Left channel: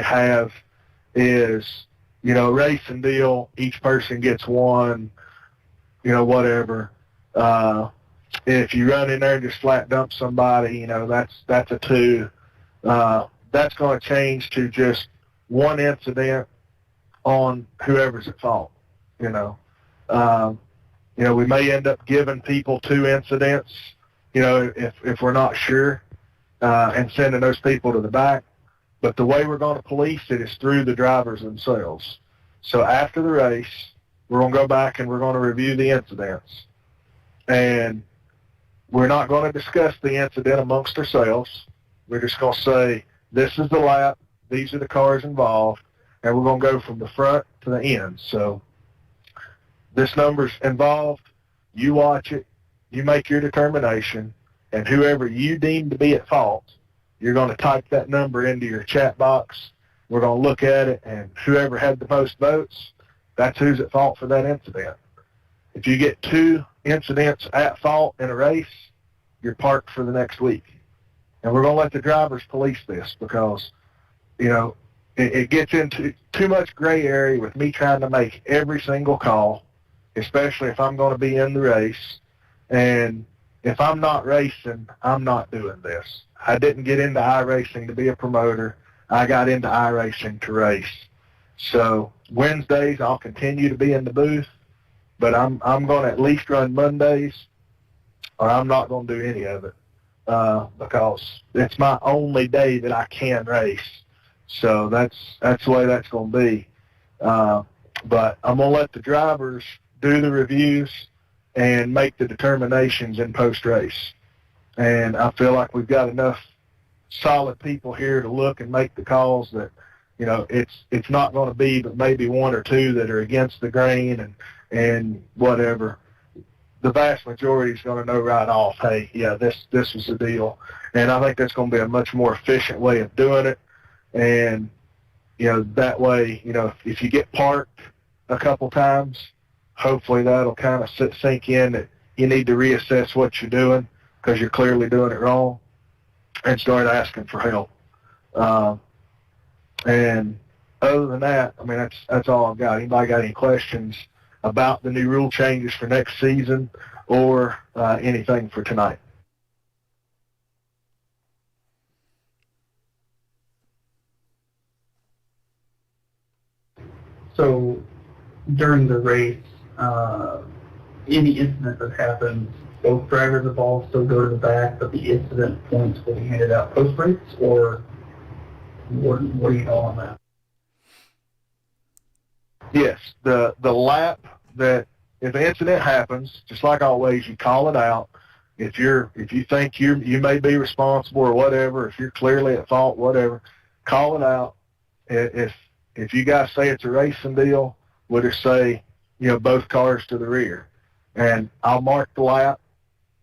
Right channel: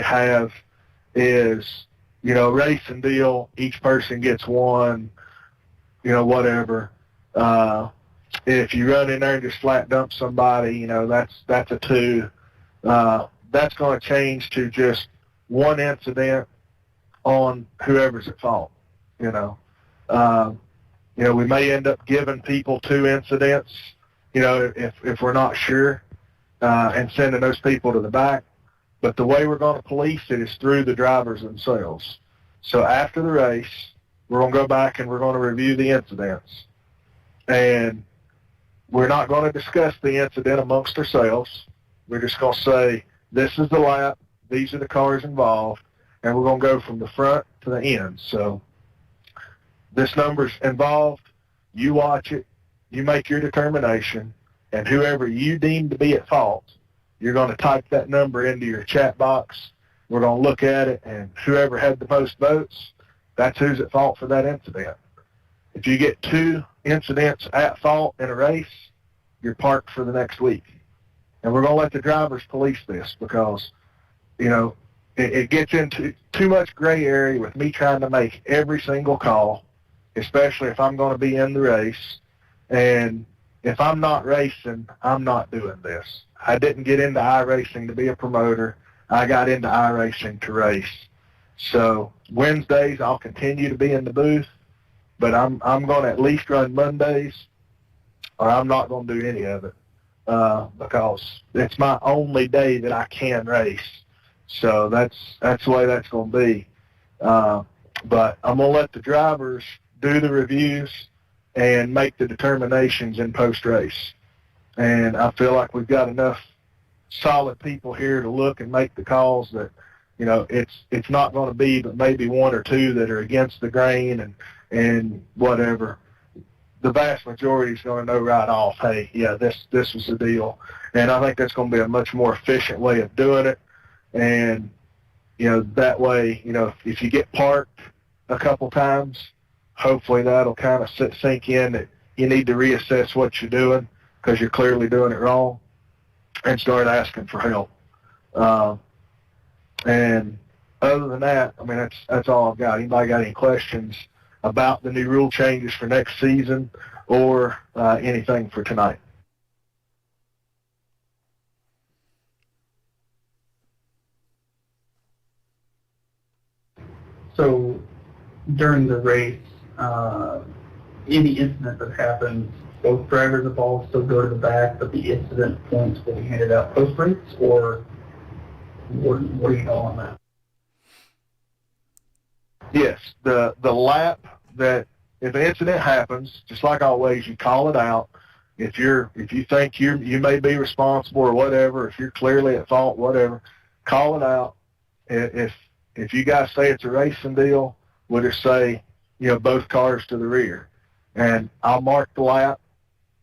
have is, racing deal, each person gets one, whatever. If you run in there and just flat dump somebody, that's a 2. That's going to change to just 1 incident on whoever's at fault, we may end up giving people 2 incidents, if we're not sure, and sending those people to the back. But the way we're going to police it is through the drivers themselves. So after the race, we're going to go back and we're going to review the incidents. And we're not going to discuss the incident amongst ourselves. We're just going to say, this is the lap, these are the cars involved, and we're going to go from the front to the end. So this number's involved, you watch it, you make your determination, and whoever you deem to be at fault, you're going to type that number into your chat box. We're going to look at it, and whoever had the most votes, that's who's at fault for that incident. If you get 2 incidents at fault in a race, you're parked for the next week. And we're going to let the drivers police this because, it gets into too much gray area with me trying to make every single call, especially if I'm going to be in the race. And if I'm not racing, I'm not doing this. I didn't get into iRacing to be a promoter. I got into iRacing to race. So Wednesdays I'll continue to be in the booth, but I'm going to at least run Mondays, or I'm not going to do any of it because it's my only day that I can race. So that's the way that's going to be. But I'm going to let the drivers do the reviews and make the determinations in post-race. And I feel like we've got enough solid people here to look and make the calls that, it's not going to be but maybe 1 or 2 that are against the grain and whatever. The vast majority is going to know right off, hey, yeah, this was the deal. And I think that's going to be a much more efficient way of doing it. And, that way, if you get parked a couple times, hopefully that'll kind of sink in that you need to reassess what you're doing because you're clearly doing it wrong and start asking for help. And other than that, that's all I've got. Anybody got any questions about the new rule changes for next season or anything for tonight? So during the race, any incident that happens, both drivers involved still go to the back, but the incident points will be handed out post-race, or what do you know on that? Yes, the lap that if an incident happens, just like always, you call it out. If you think you may be responsible or whatever, if you're clearly at fault, whatever, call it out. If you guys say it's a racing deal, we'll just say, both cars to the rear. And I'll mark the lap.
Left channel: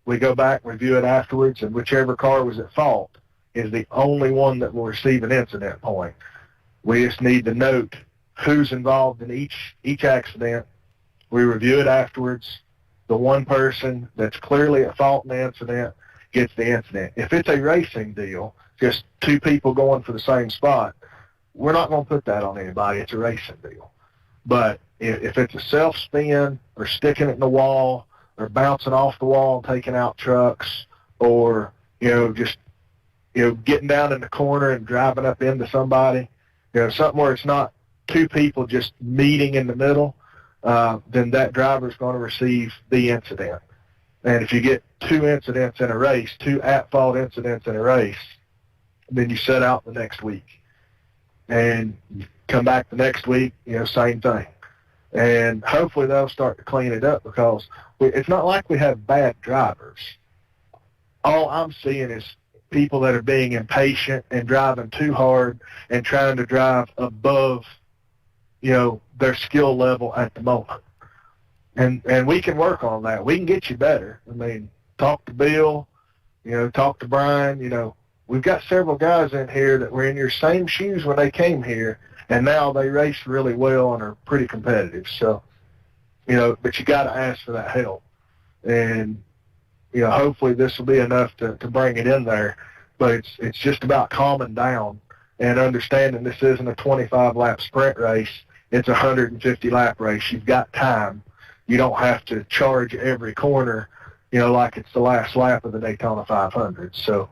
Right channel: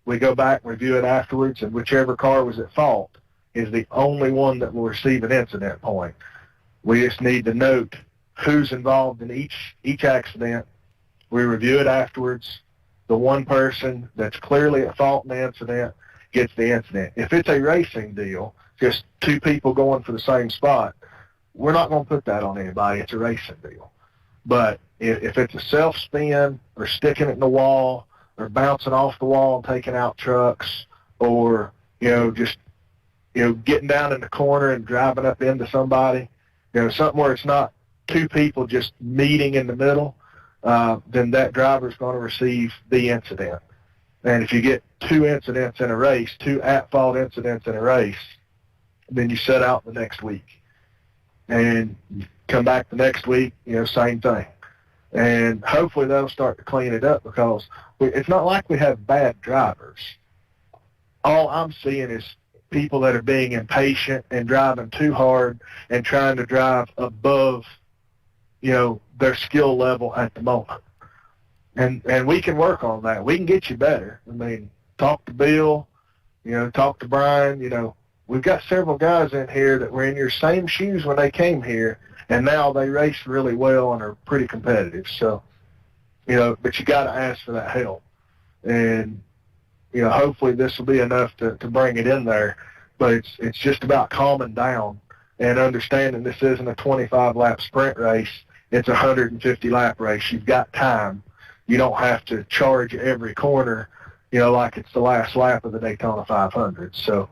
We go back, review it afterwards, and whichever car was at fault is the only one that will receive an incident point. We just need to note who's involved in each accident. We review it afterwards. The one person that's clearly at fault in the incident gets the incident. If it's a racing deal, just 2 people going for the same spot, we're not going to put that on anybody. It's a racing deal. But if it's a self-spin or sticking it in the wall or bouncing off the wall and taking out trucks or, just, getting down in the corner and driving up into somebody, something where it's not 2 people just meeting in the middle, then that driver's going to receive the incident. And if you get 2 incidents in a race, 2 at-fault incidents in a race, then you set out the next week. And come back the next week, same thing. And hopefully they'll start to clean it up because it's not like we have bad drivers. All I'm seeing is people that are being impatient and driving too hard and trying to drive above, their skill level at the moment. And we can work on that. We can get you better. Talk to Bill, talk to Brian, we've got several guys in here that were in your same shoes when they came here, and now they race really well and are pretty competitive. So, but you got to ask for that help. And, hopefully this will be enough to bring it in there. But it's just about calming down and understanding this isn't a 25-lap sprint race, it's a 150-lap race. You've got time. You don't have to charge every corner, like it's the last lap of the Daytona 500. So,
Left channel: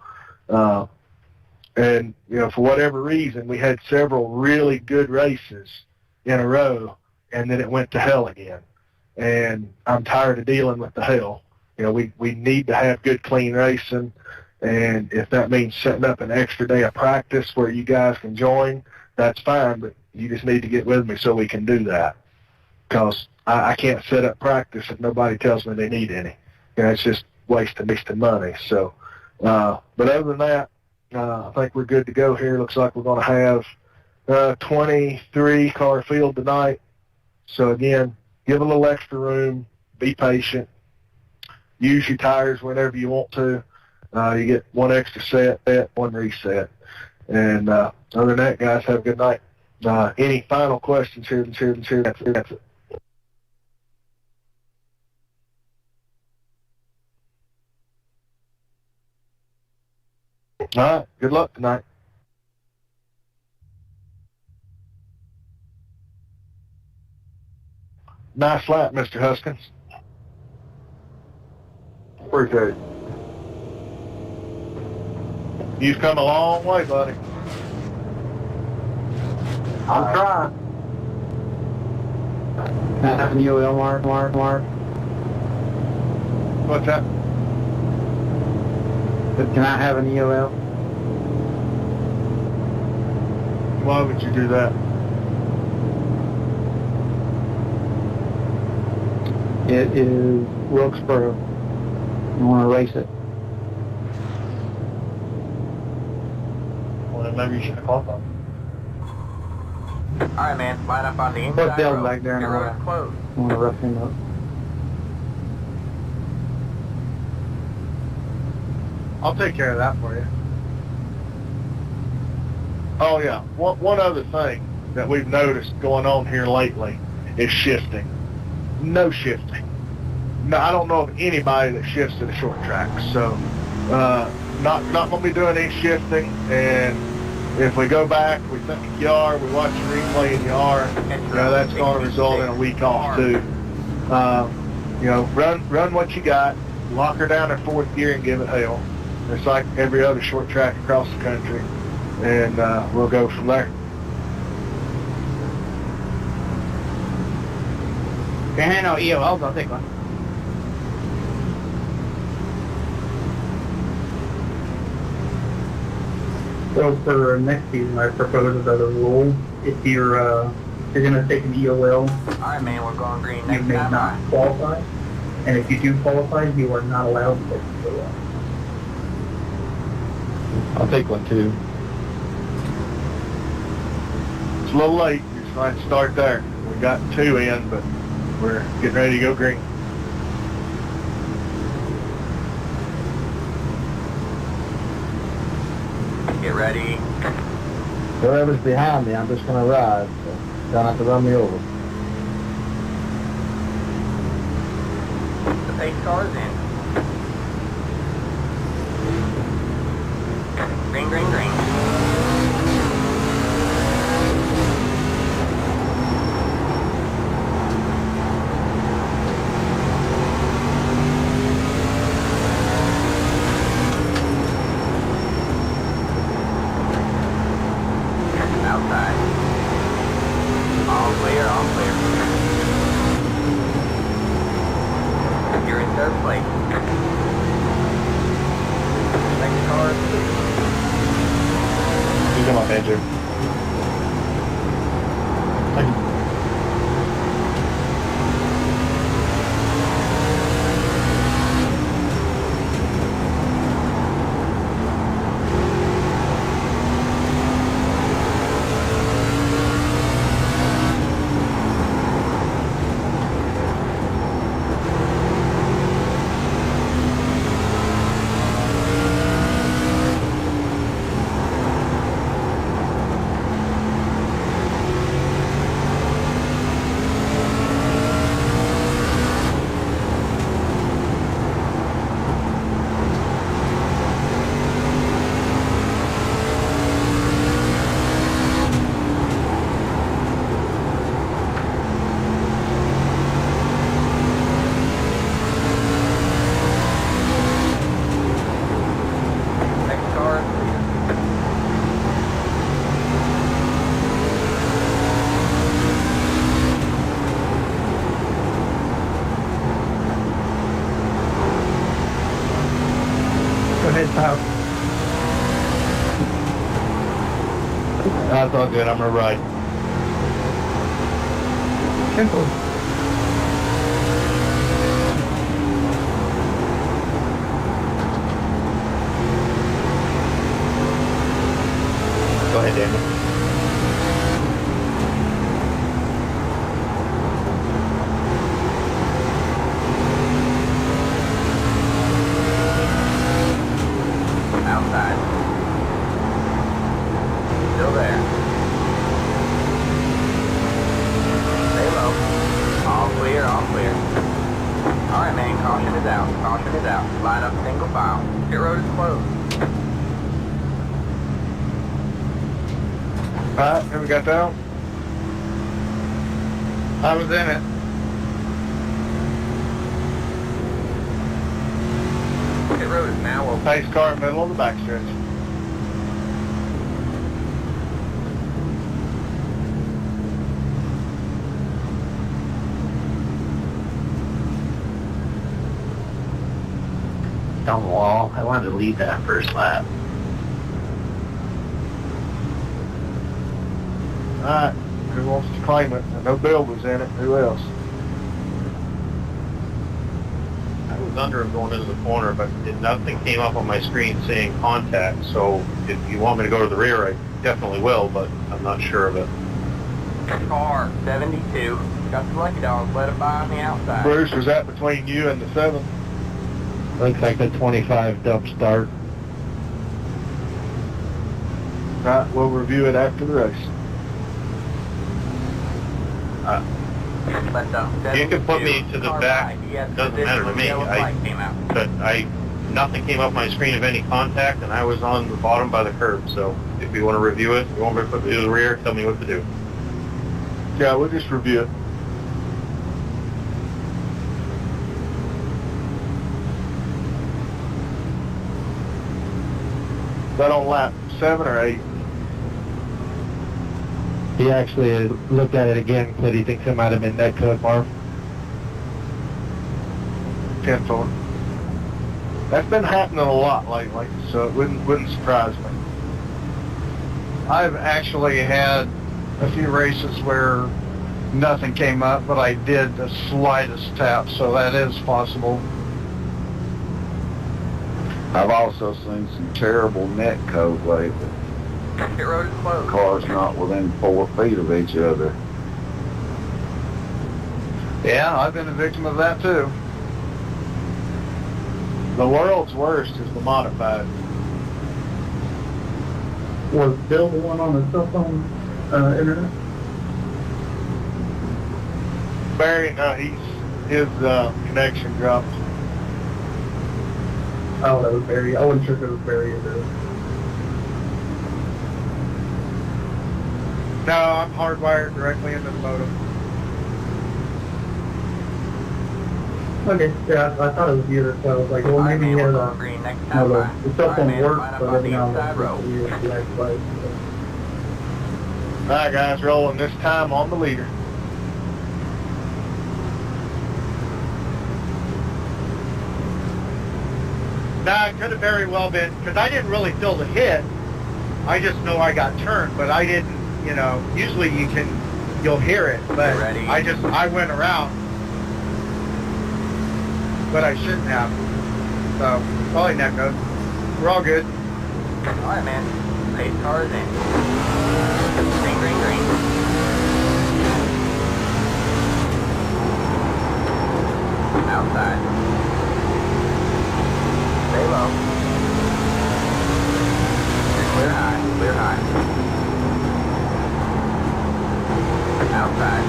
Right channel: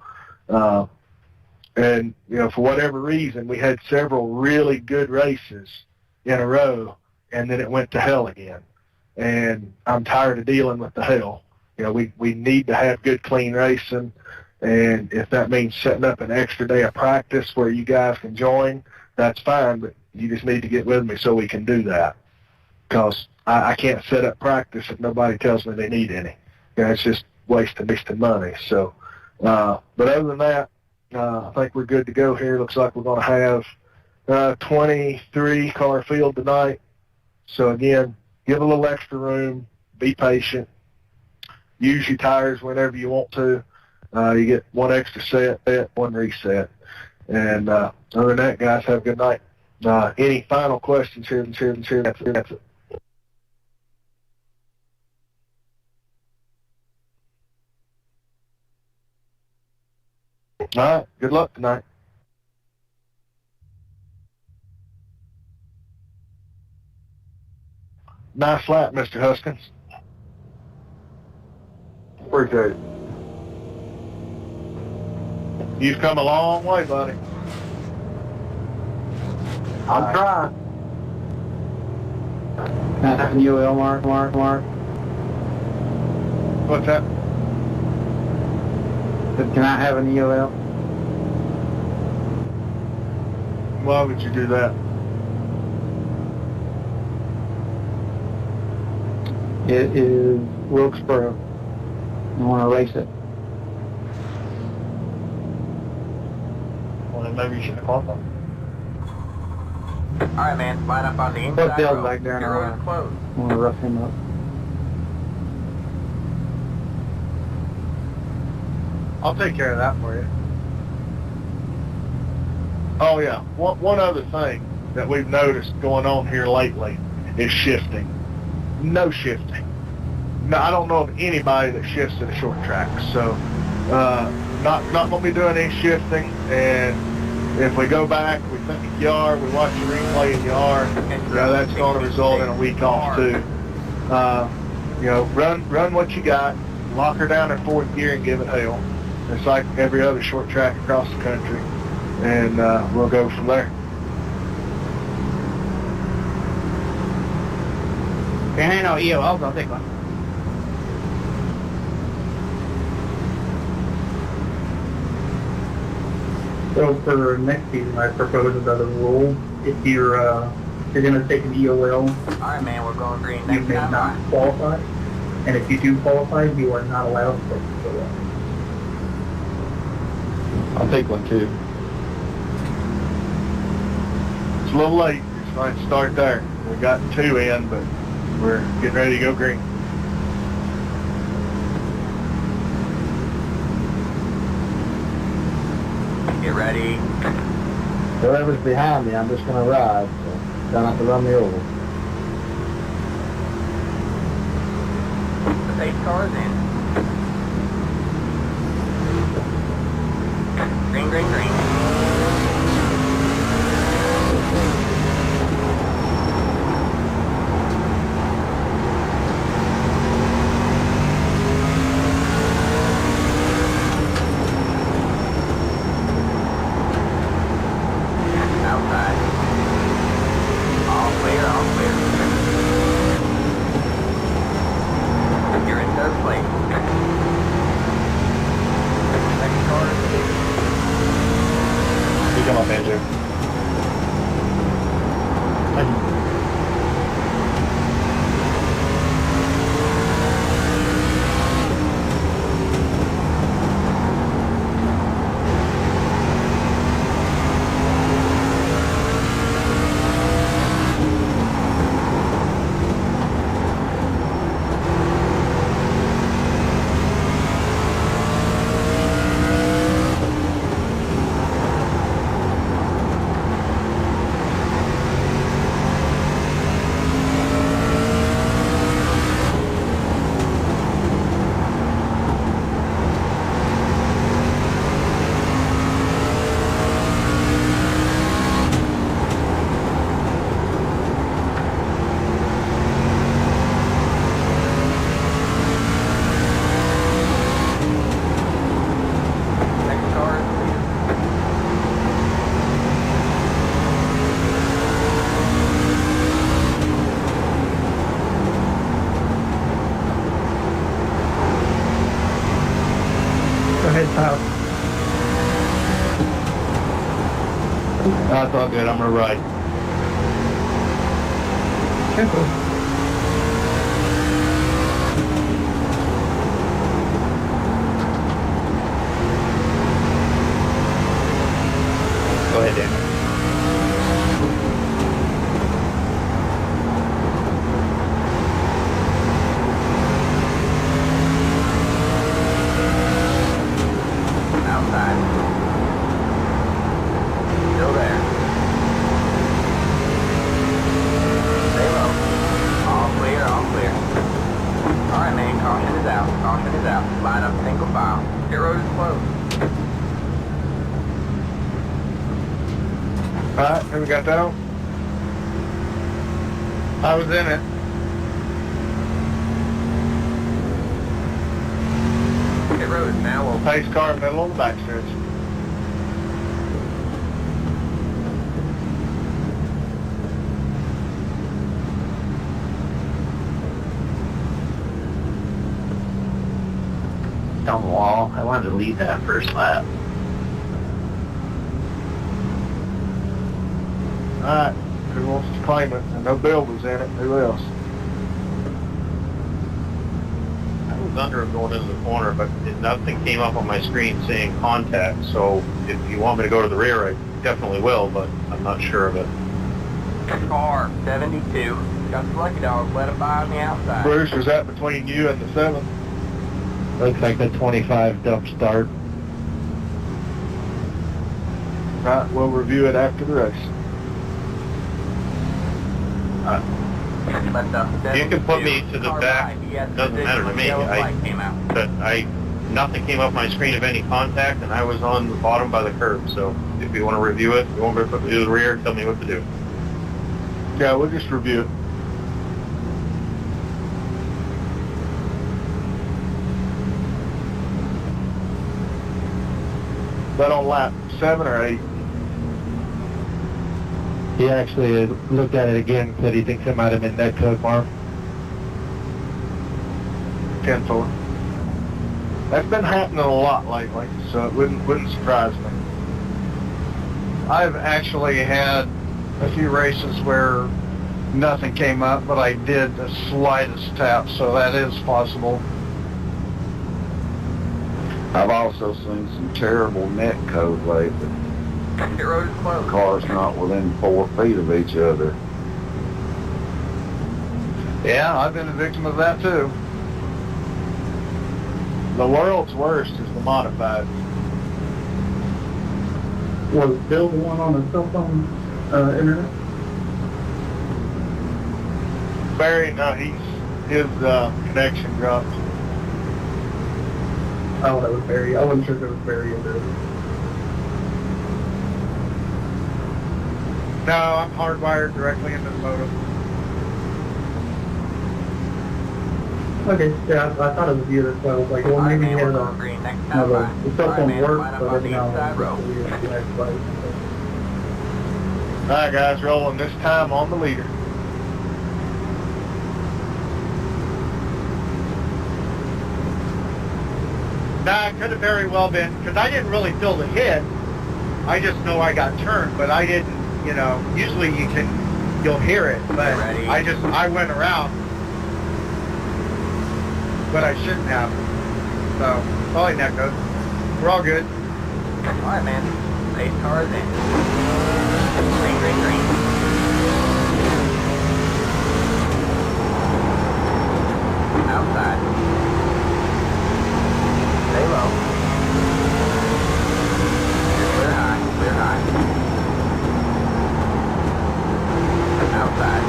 and, for whatever reason, we had several really good races in a row, and then it went to hell again. And I'm tired of dealing with the hell. We need to have good, clean racing. And if that means setting up an extra day of practice where you guys can join, that's fine, but you just need to get with me so we can do that. Because I can't set up practice if nobody tells me they need any. It's just wasting money. So, but other than that, I think we're good to go here. Looks like we're going to have 23-car field tonight. So, again, give a little extra room, be patient, use your tires whenever you want to. You get one extra set, one reset. And other than that, guys, have a good night. Any final questions here? That's it. All right, good luck tonight. Nice lap, Mr. Huskins. Appreciate it. You've come a long way, buddy. I'm trying. Can I have an UL, Mark? What's that? Can I have an UL? Why would you do that? It is Wilkesboro. I want to race it. Well, then maybe you should have called them. All right, man. Line up on the inside. Put Bill back there in the Your road. road's closed. I want to rough him up. I'll take care of that for you. Oh, yeah. One other thing that we've noticed going on here lately is shifting. No shifting. No, I don't know of anybody that shifts to the short track. So, not going to be doing any shifting. And if we go back, we think you are, we watch the replay and you are, that's going to result in a week off too. Run what you got, lock her down in fourth gear and give it hell. It's like every other short track across the country, and we'll go from there. Can't hand no EOLs, I'll take one. So for next season, I propose another rule. If you're going to take an EOL, All right, man. We're going green you next may time. not qualify. And if you do qualify, you are not allowed to take an EOL. I'll take one too. It's a little late. It's fine to start there. We got 2 in, but we're getting ready to go green. Get ready. Whoever's behind me, I'm just going to ride. So try not to run me over. The pace car's in. Green, green, green. Outside. All clear, all clear. You're in third place. Second car. You come up, Andrew. Thank you. That's all good. I'm gonna ride. Go ahead, Daniel. Outside. Still there. Stay low. All clear, all clear. Alright, man, caution is out. Caution is out. Line up single file. Pit road is closed. Alright, have we got that on? I was in it. Pit road is now open. Pace car middle on the backstretch. Down the wall. I wanted to lead that first lap. Alright, who wants to claim it? I know Bill was in it. Who else? I was under him going into the corner, but nothing came up on my screen saying contact. So if you want me to go to the rear, I definitely will, but I'm not sure of it. Car 72. Got the lucky dog. Let it by on the outside. Bruce, was that between you and the 7? Looks like the 25 dump start. Right, we'll review it after the race. Let the You can put me to the car back. by. He has Doesn't position matter to when the me. yellow flag came out. But nothing came up my screen of any contact, and I was on the bottom by the curb. So if you want to review it, you want me to put me to the rear, tell me what to do. Yeah, we'll just review it. That on lap 7 or 8? He actually looked at it again and said he thinks it might have been that code, Marv. 10-4. That's been happening a lot lately, so it wouldn't surprise me. I've actually had a few races where nothing came up, but I did the slightest tap, so that is possible. I've also seen some terrible net code lately. Pit road is closed. Cars not within 4 feet of each other. Yeah, I've been a victim of that too. The world's worst is the modified. Was Bill the one on the cell phone internet? Barry, no, his connection dropped. Oh, that was Barry. I wasn't sure if it was Barry or Bill. No, I'm hardwired directly into the modem. Okay, yeah, I thought it was you, so I was like, well, Alright, maybe man, he had we'll go a... green next No, time by. the cell Alright, phone man, works, line up but on every the now and inside then row. it's weird, black flag. All right, guys, rolling this time on the leader. Nah, it could have very well been, because I didn't really feel the hit. I just know I got turned, but I didn't, usually you'll hear it, but Ready. I went around, but I shouldn't have. So, probably net code. We're all good. Alright, man. Pace car is in. Green, green, green. Outside. Stay low. You're clear high, clear high. Outside.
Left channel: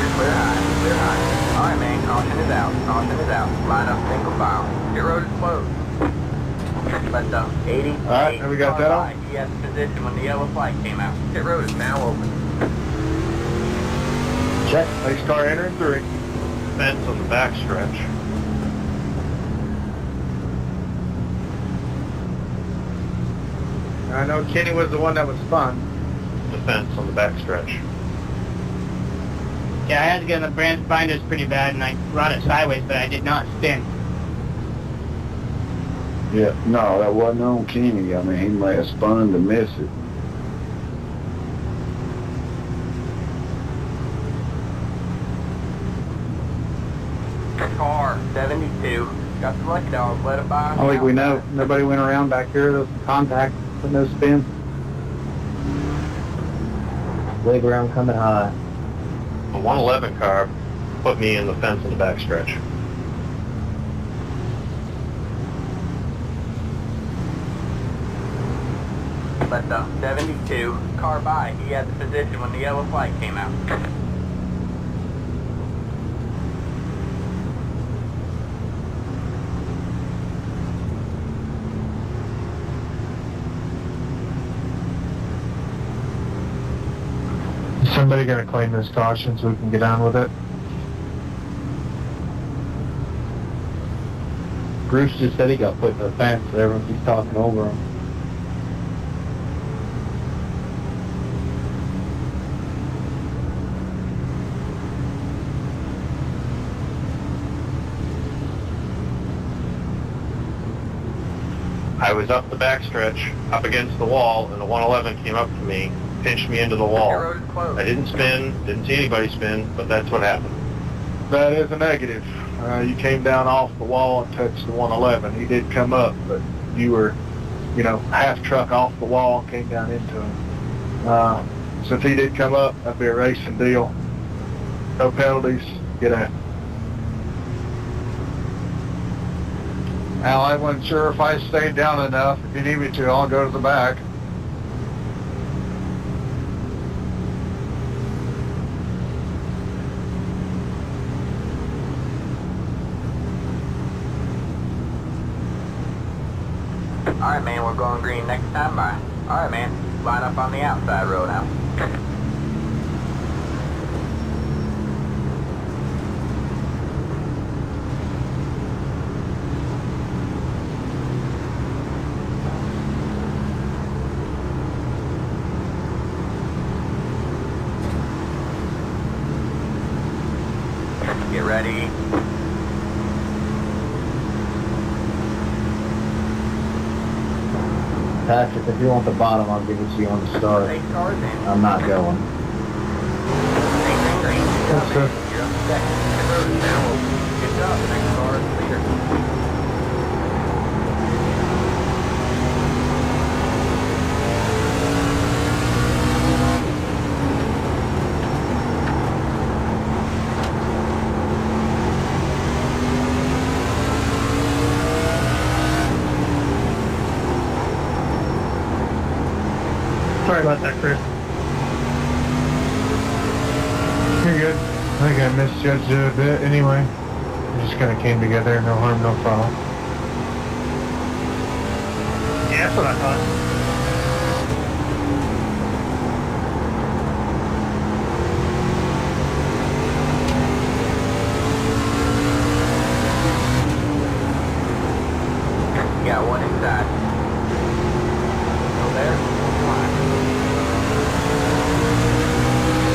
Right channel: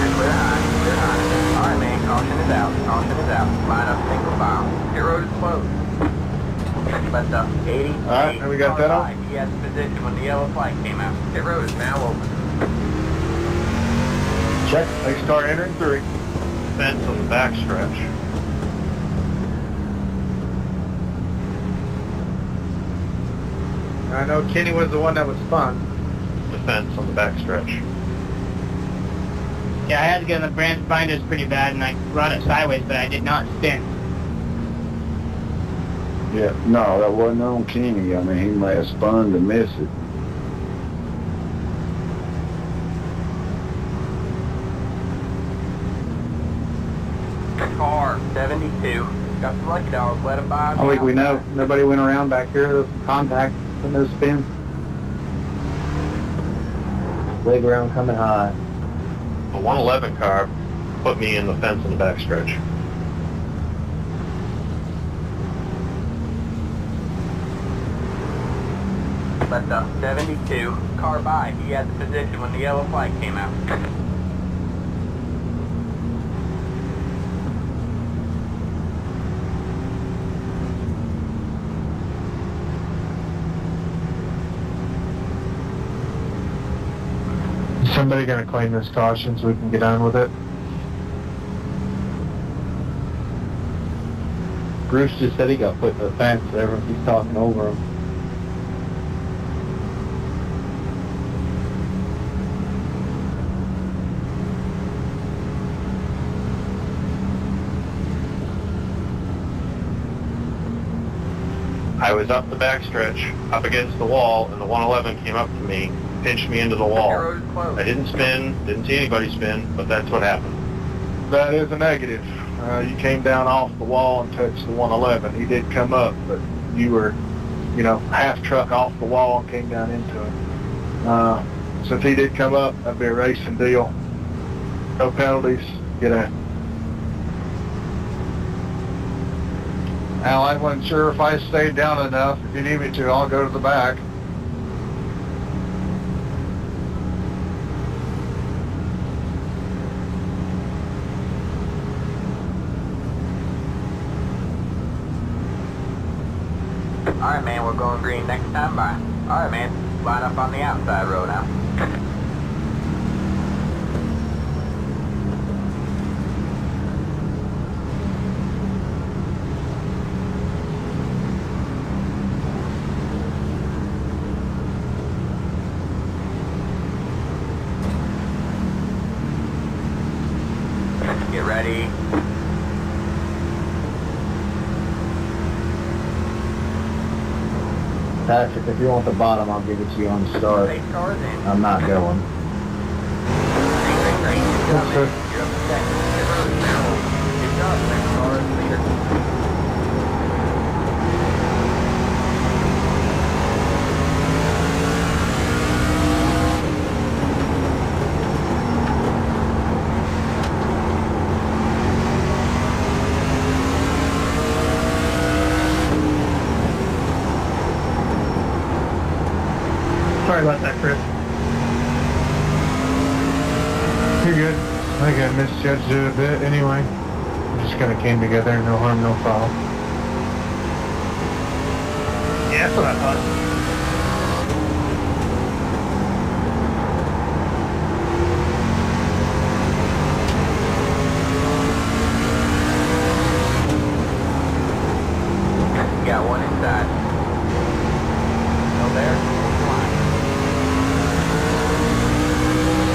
You're clear high, clear high. Alright, man, caution is out, caution is out. Line up single file. Your road is closed. Let the 80. All right, have we got that on? He has position when the yellow flag came out. Pit road is now open. Check. Pace car entering 3. Fence on the back stretch. I know Kenny was the one that was spun. The fence on the back stretch. Yeah, I had to get on the binders pretty bad, and I run it sideways, but I did not spin. Yeah, no, that wasn't on Kenny. I mean, he may have spun to miss it. Car 72. Got the lucky dog. Let it by. I think we know. Nobody went around back here. There's some contact with no spin. Wave around coming high. A 111 car put me in the fence in the backstretch. Let the 72. Car by. He had the position when the yellow flag came out. Is somebody going to claim this caution so we can get on with it? Bruce just said he got put in the fence, so everyone keeps talking over him. I was up the backstretch, up against the wall, and the 111 came up to me, pinched me into the wall. Your road is closed. I didn't spin, didn't see anybody spin, but that's what happened. That is a negative. You came down off the wall and touched the 111. He did come up, but you were, half truck off the wall and came down into him. Since he did come up, that'd be a racing deal. No penalties. Get out. Al, I wasn't sure if I stayed down enough. If you need me to, I'll go to the back. Alright, man, we're going green next time. Bye. Alright, man, line up on the outside road now. Get ready. Patrick, if you want the bottom, I'll give it to you on the start. Take cars in. I'm not going. Yes, sir. You're up to second. Your road is now open. Good job. Next car is clear. Sorry about that, Chris. You're good. I think I misjudged it a bit anyway. We just kind of came together. No harm, no foul. Yeah, that's what I thought. You got one inside. Still there?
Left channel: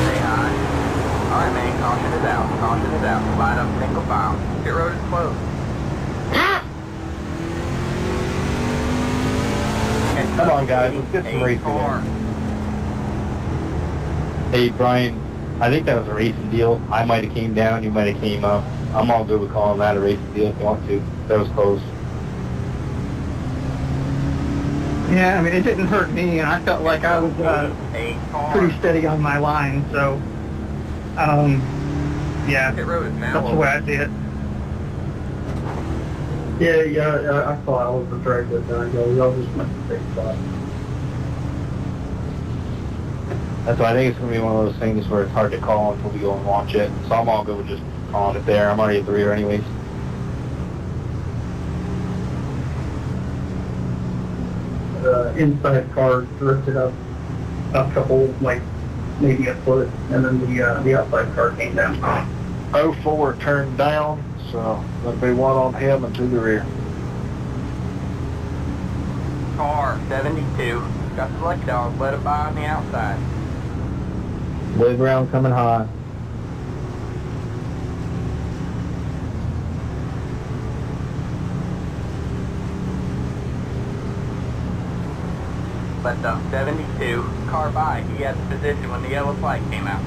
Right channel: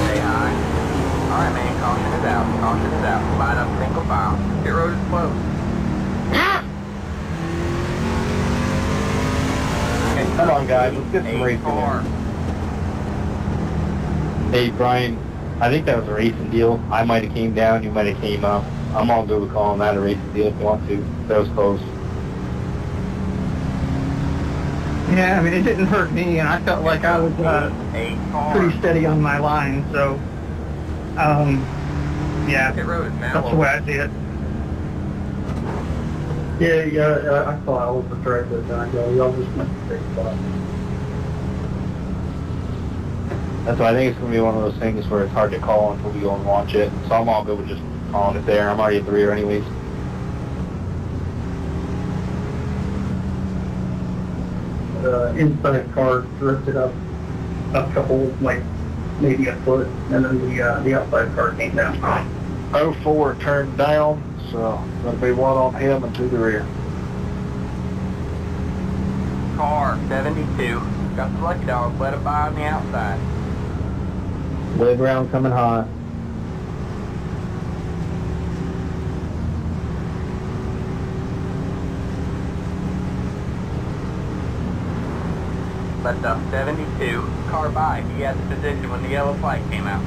Stay high. Alright, man, caution is out. Caution is out. Line up single file. Pit road is closed. Come on, guys, let's get some racing car. in. Hey, Brian, I think that was a racing deal. I might have came down, you might have came up. I'm all good with calling that a racing deal if you want to. That was close. Yeah, I mean, it didn't hurt me, and I felt like I was pretty steady on my line, so, yeah, Pit road is now that's the open. way I see it. Yeah, I thought I was the very good guy. Y'all just went to the big spot. That's why I think it's going to be one of those things where it's hard to call until we go and watch it. So I'm all good with just calling it there. I'm already at the rear anyways. Inside car drifted up a couple, like maybe a foot, and then the outside car came down. 04 turned down, so that'll be one on him and to the rear. Car 72. Got the lucky dog. Let it by on the outside. Wave around coming high. Let the 72 car by. He had the position when the yellow flag came out.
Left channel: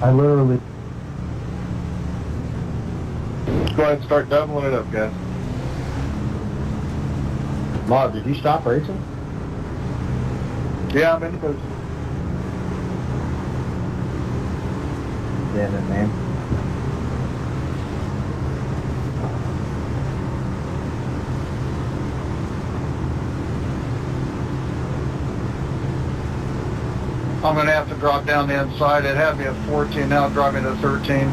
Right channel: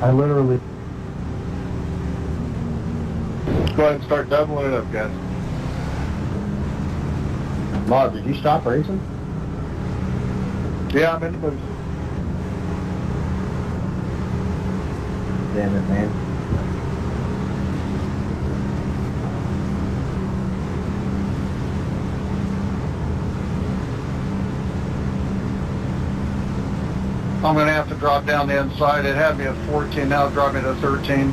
I literally... Let's go ahead and start doubling it up, guys. Mark, did you stop racing? Yeah, I'm in the booth. Damn it, man. I'm going to have to drop down the inside. It had me at 14, now drop me to 13.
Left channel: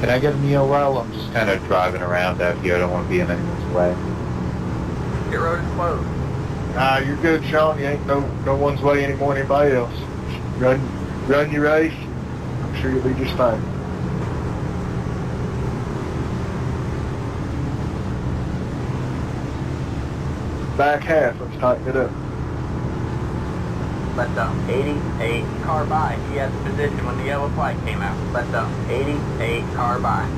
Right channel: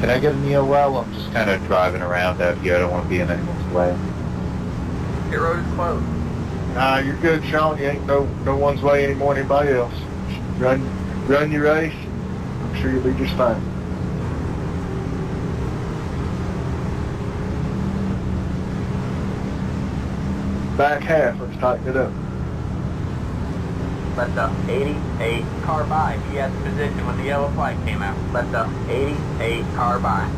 Can I get an EOL? I'm just kind of driving around out here. I don't want to be in anyone's way. Your road is closed. Nah, you're good, Sean. You ain't no one's way any more than anybody else. Run your race. I'm sure you'll be just fine. Back half, let's tighten it up. Let the 88 car by. He had the position when the yellow flag came out. Let the 88 car by.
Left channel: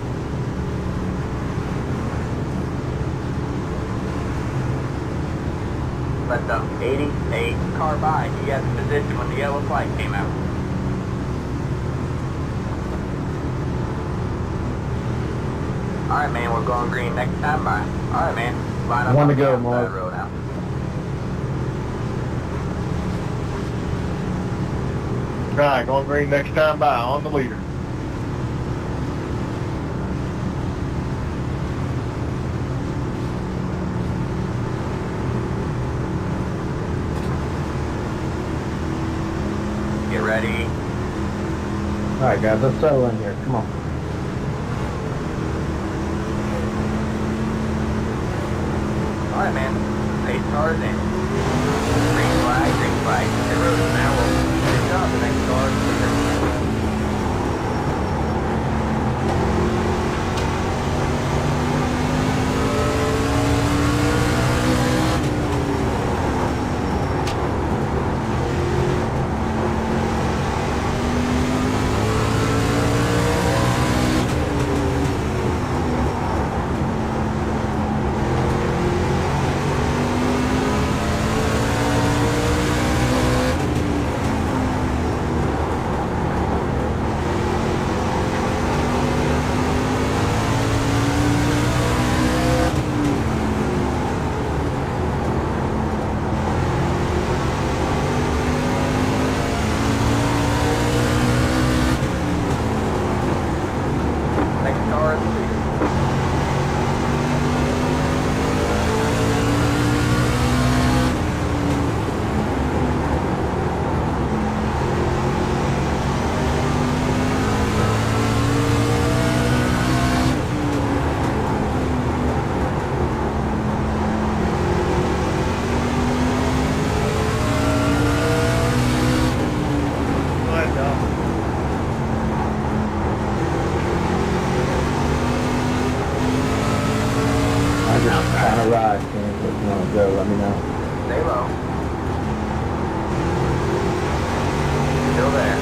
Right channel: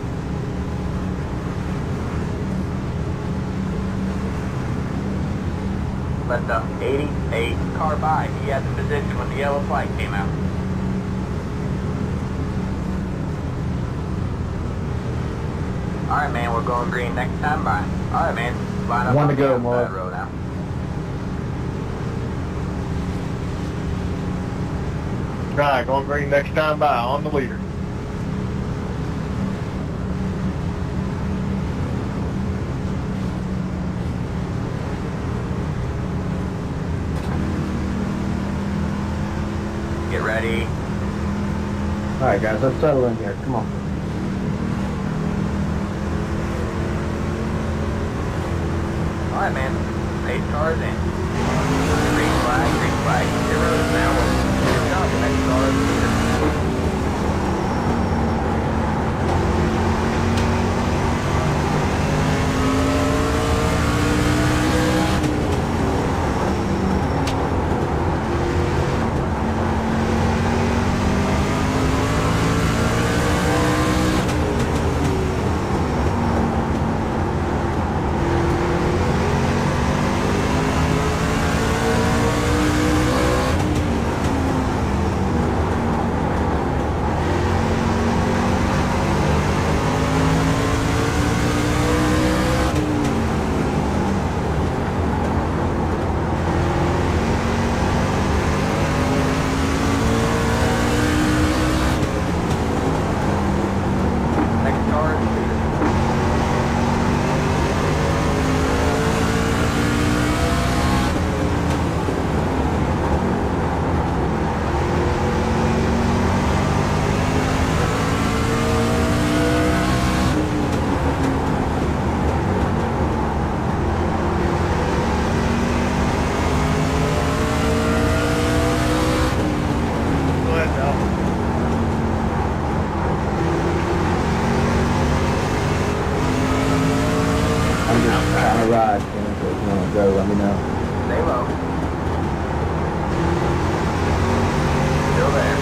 Let the 88 car by. He had the position when the yellow flag came out. Alright, man, we're going green next time by. Alright, man, line up One on to the go, outside Mark. road out. Right, going green next time by on the leader. Get ready. Alright guys, let's settle in here. Come on. Alright, man. 8 cars in. Green flag, green flag. The road is now open. Here's up, the next car is clear. Next car is clear. Go ahead, Dom. I'm just trying to ride. If you want to go, let me know. Stay low. Still there.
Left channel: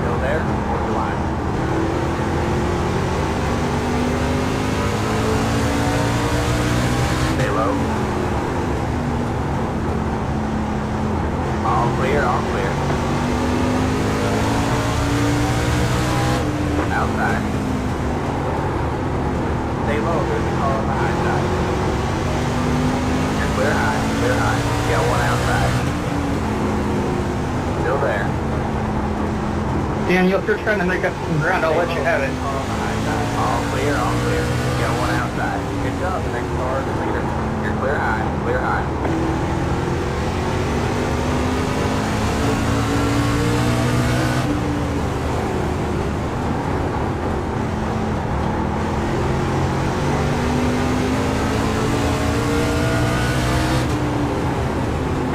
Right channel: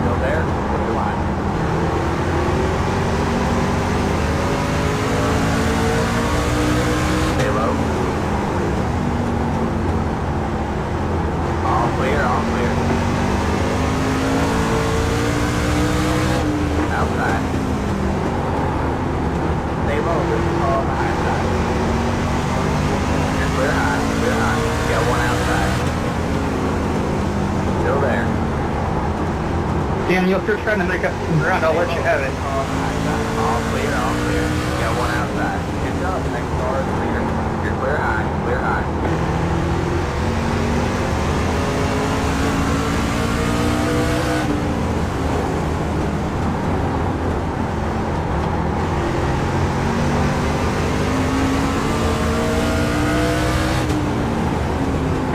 Still there? Come on. Stay low. All clear, all clear. Outside. Stay low, there's a car on the high side. You're clear high, clear high. You got one outside. Still there. Daniel, if you're trying to make up some ground, I'll let you have it. Car on the high side. All clear, all clear. You got one outside. Good job, next car is clear. You're clear high, clear high.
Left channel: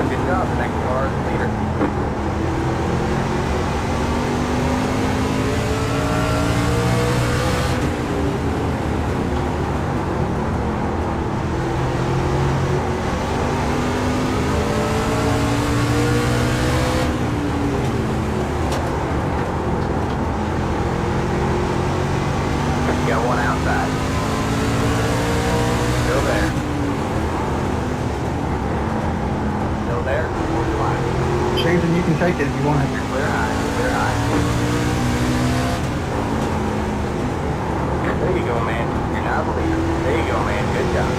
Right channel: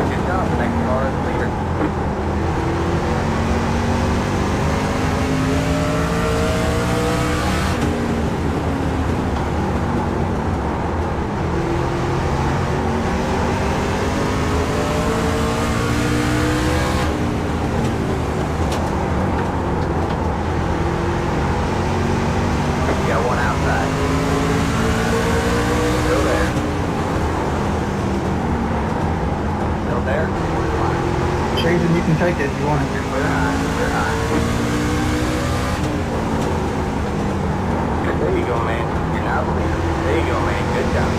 Good job, next car is clear. Shayden, you can take it if you want. You're clear high. You're clear high. There you go, man. You're now bleeding. There you go, man. Good job.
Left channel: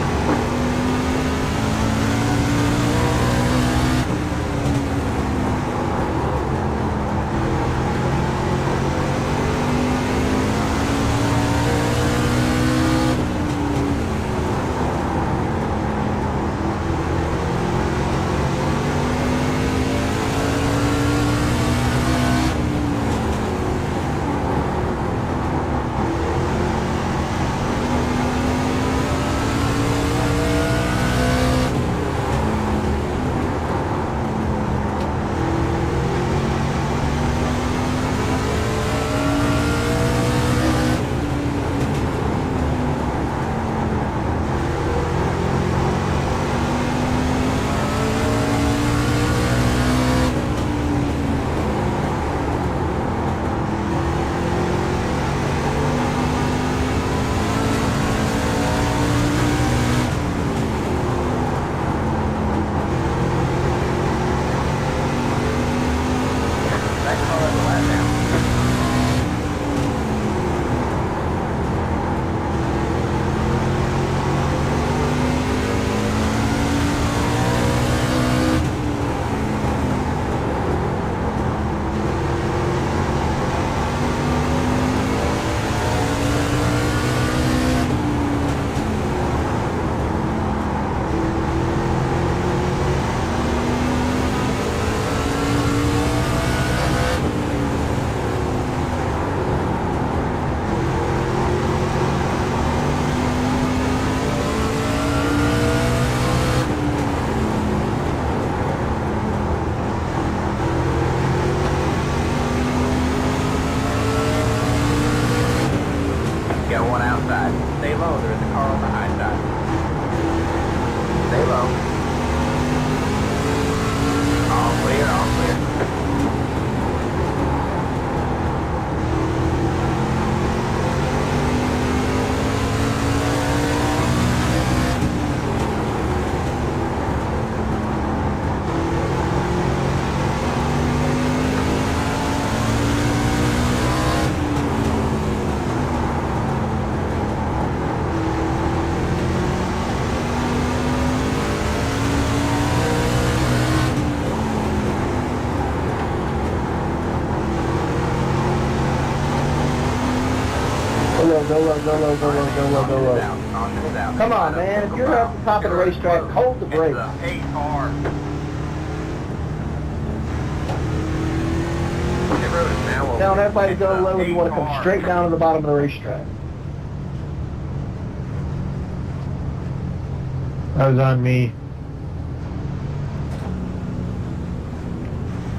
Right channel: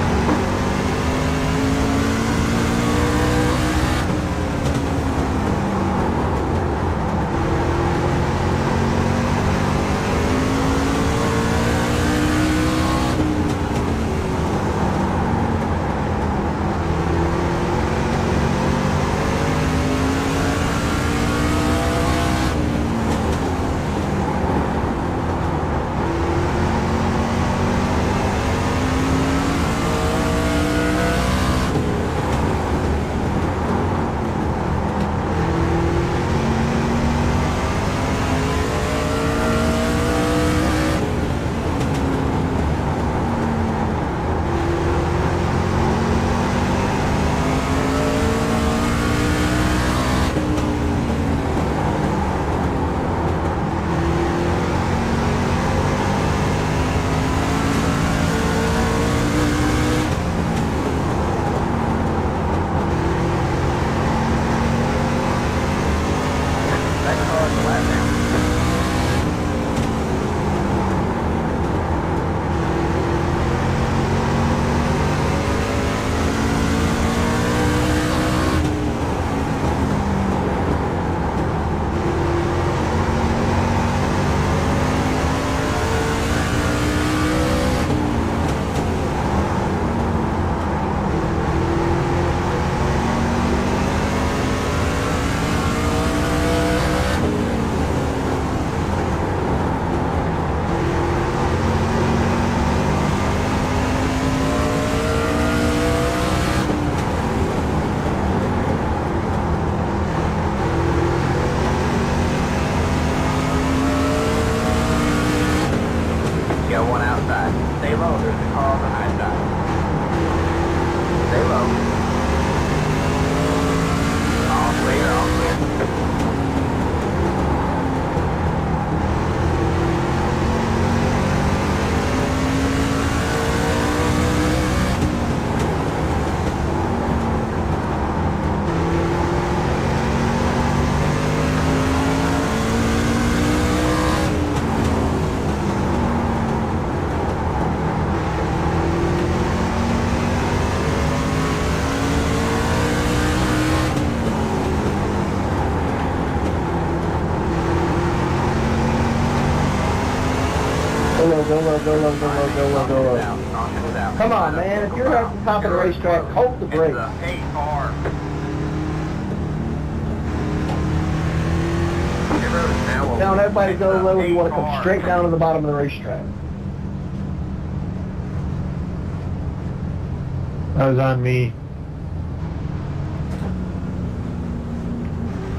Go low. Come on, man. If you're at the top of the racetrack, hold the brakes. Telling everybody to go low if you want to come straight down to the bottom of the racetrack. That was on me.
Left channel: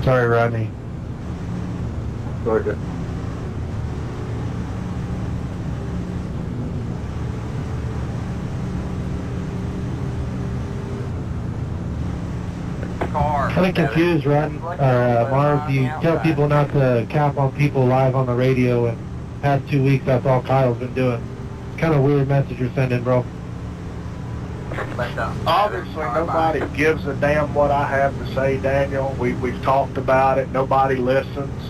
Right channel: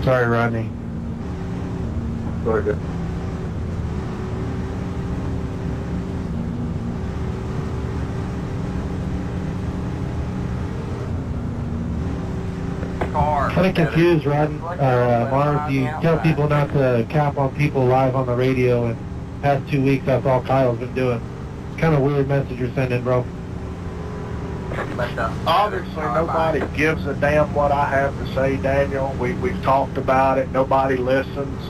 Sorry, Rodney. Sorry, good. Kind of confused, Ron. Marv, you tell people not to cap on people live on the radio, and past 2 weeks that's all Kyle's been doing. It's kind of a weird message you're sending, bro. Obviously, nobody gives a damn what I have to say, Daniel. We've talked about it. Nobody listens.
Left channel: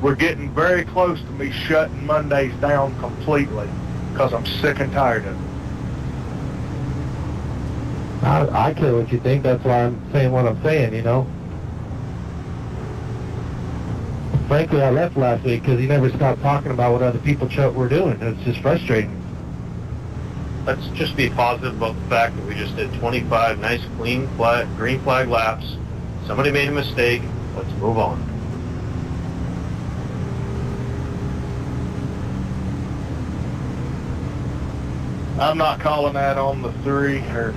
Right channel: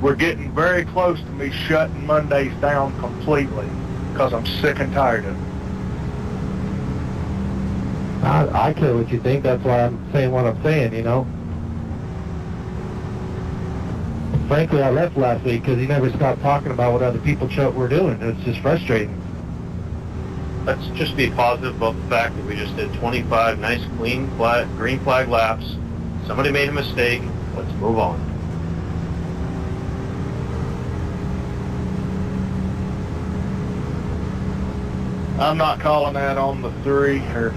We're getting very close to me shutting Mondays down completely because I'm sick and tired of it. I care what you think. That's why I'm saying what I'm saying, you know. Frankly, I left last week because he never stopped talking about what other people were doing. It's just frustrating. Let's just be positive about the fact that we just did 25 nice, clean, green flag laps. Somebody made a mistake. Let's move on. I'm not calling that on the 3 or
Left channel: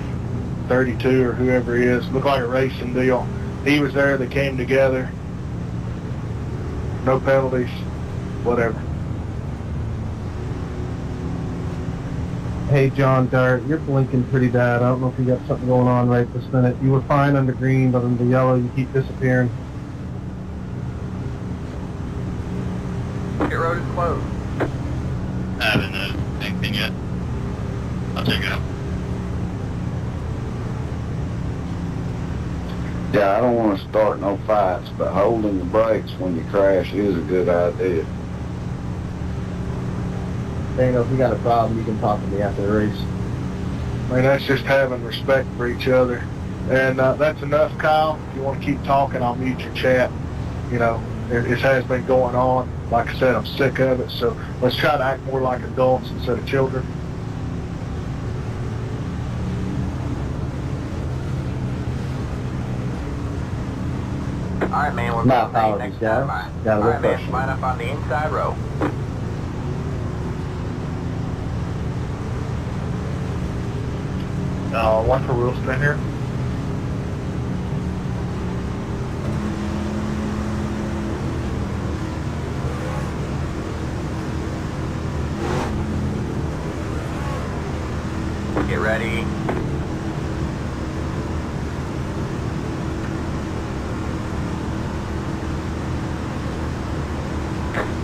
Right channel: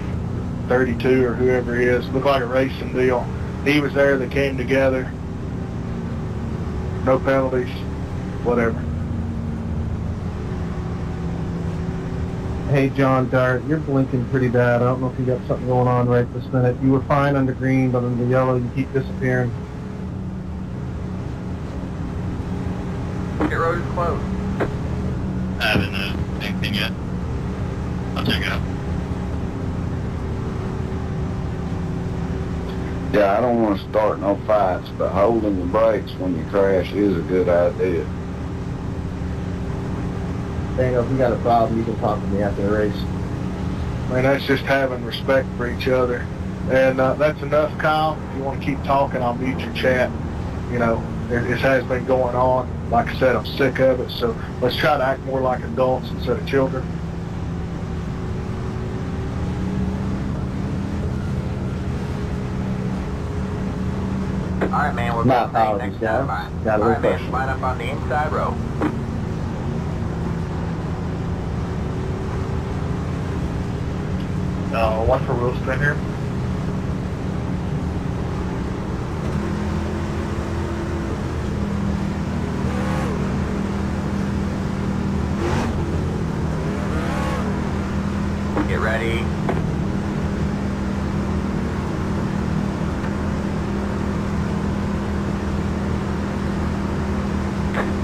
32 or whoever he is. Looked like a racing deal. He was there. They came together. No penalties. Whatever. Hey, John Dart, you're blinking pretty bad. I don't know if you got something going on right this minute. You were fine under green, but under yellow, you keep disappearing. Pit road is closed. I haven't anything yet. I'll check it out. Yeah, I don't want to start no fights, but holding the brakes when you crash is a good idea. Daniel, if you got a problem, you can talk to me after the race. I mean, that's just having respect for each other. And that's enough, Kyle. If you want to keep talking, I'll mute your chat. You know, it has been going on. Like I said, I'm sick of it. So let's try to act more like adults instead of children. All right, man, we're My going to the apologies, next guys. line. Got a All little right, man, question. line up on the inside row. One for Wilkesboro here. Get ready.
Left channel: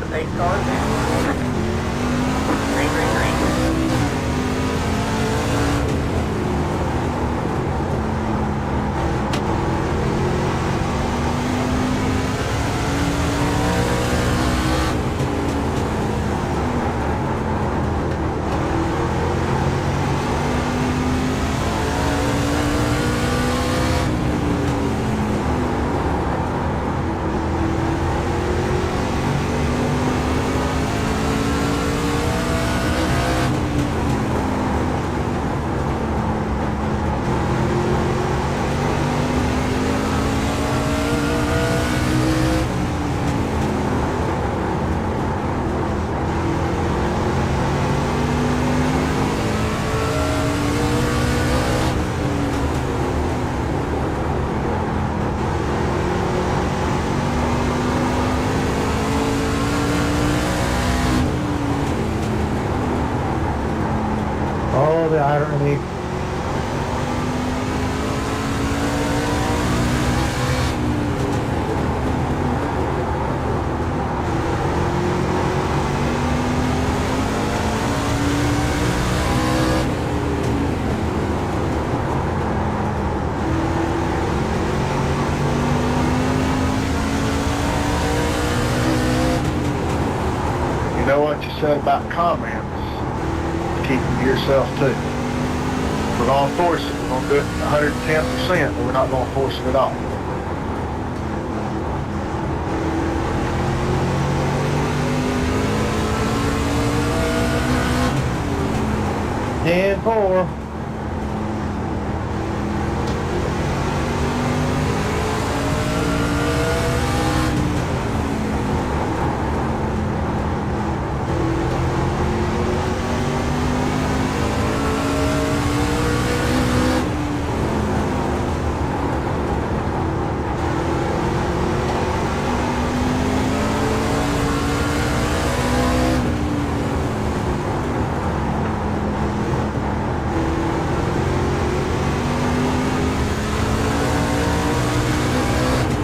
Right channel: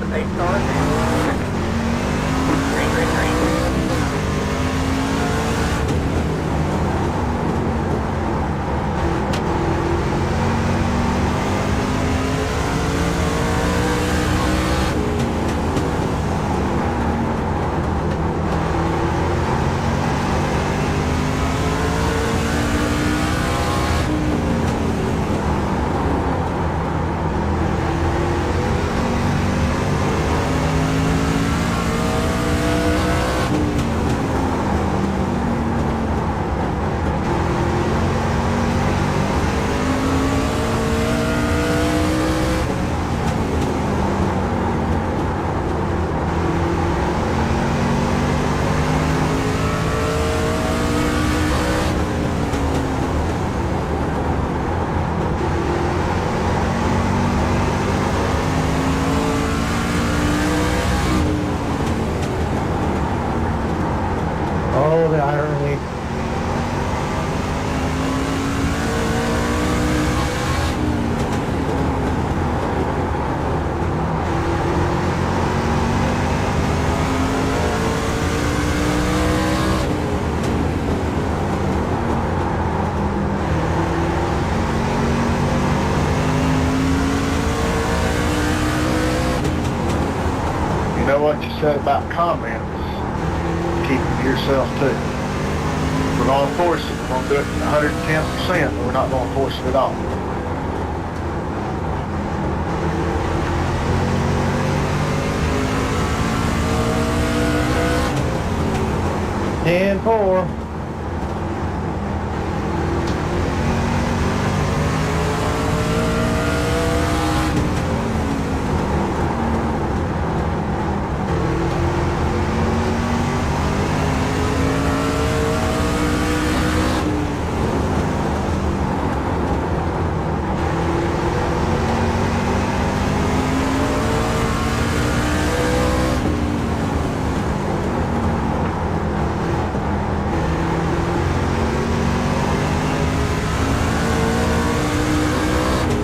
The pace car. Green, green, green. Oh, the irony. You know what you said about comments? Keep them to yourself too. We're going to force it. We're going to do it 110%, but we're not going to force it at all. And 4.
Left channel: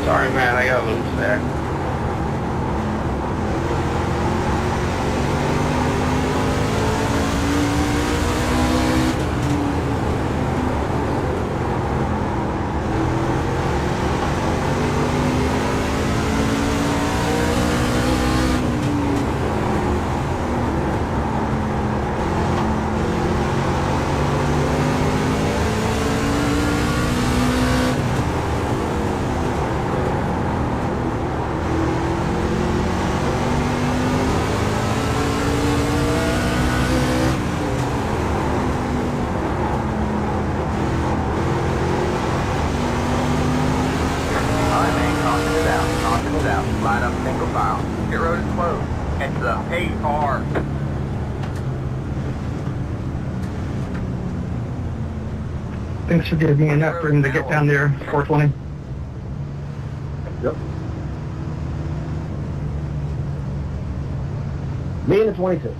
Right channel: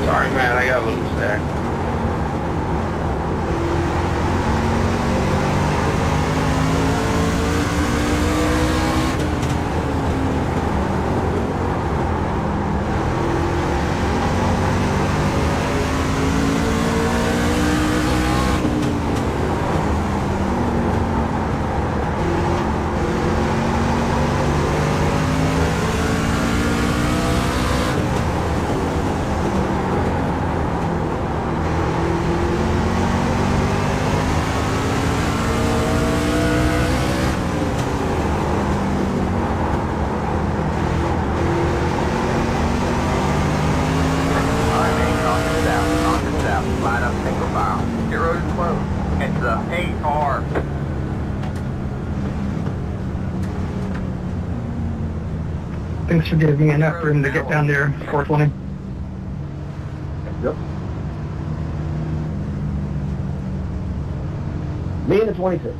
Sorry, man, I got loose there. All right, man, caution it out. Caution it out. Line up single file. Get road is closed. It's the pace car. Thanks for giving me enough room to get down there, 420. Yep. Me and the 22.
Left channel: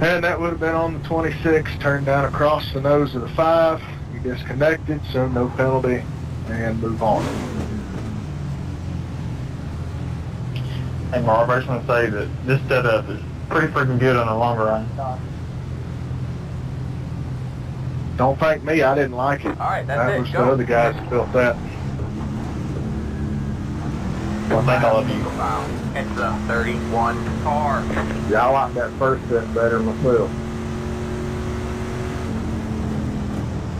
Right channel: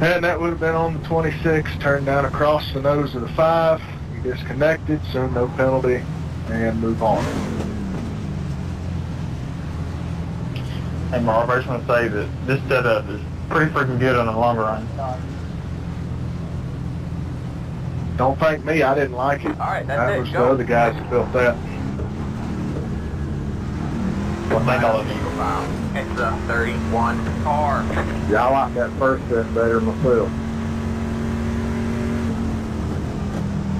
And that would have been on the 26, turned down across the nose of the 5. You disconnected, so no penalty, and move on. Hey, Marv, I just want to say that this setup is pretty freaking good on the longer run. Don't thank me, I didn't like it. All right, that's That it. was the Go. other guys that built that. Well, thank all of you. It's a 31 car. Yeah, I like that first set better myself.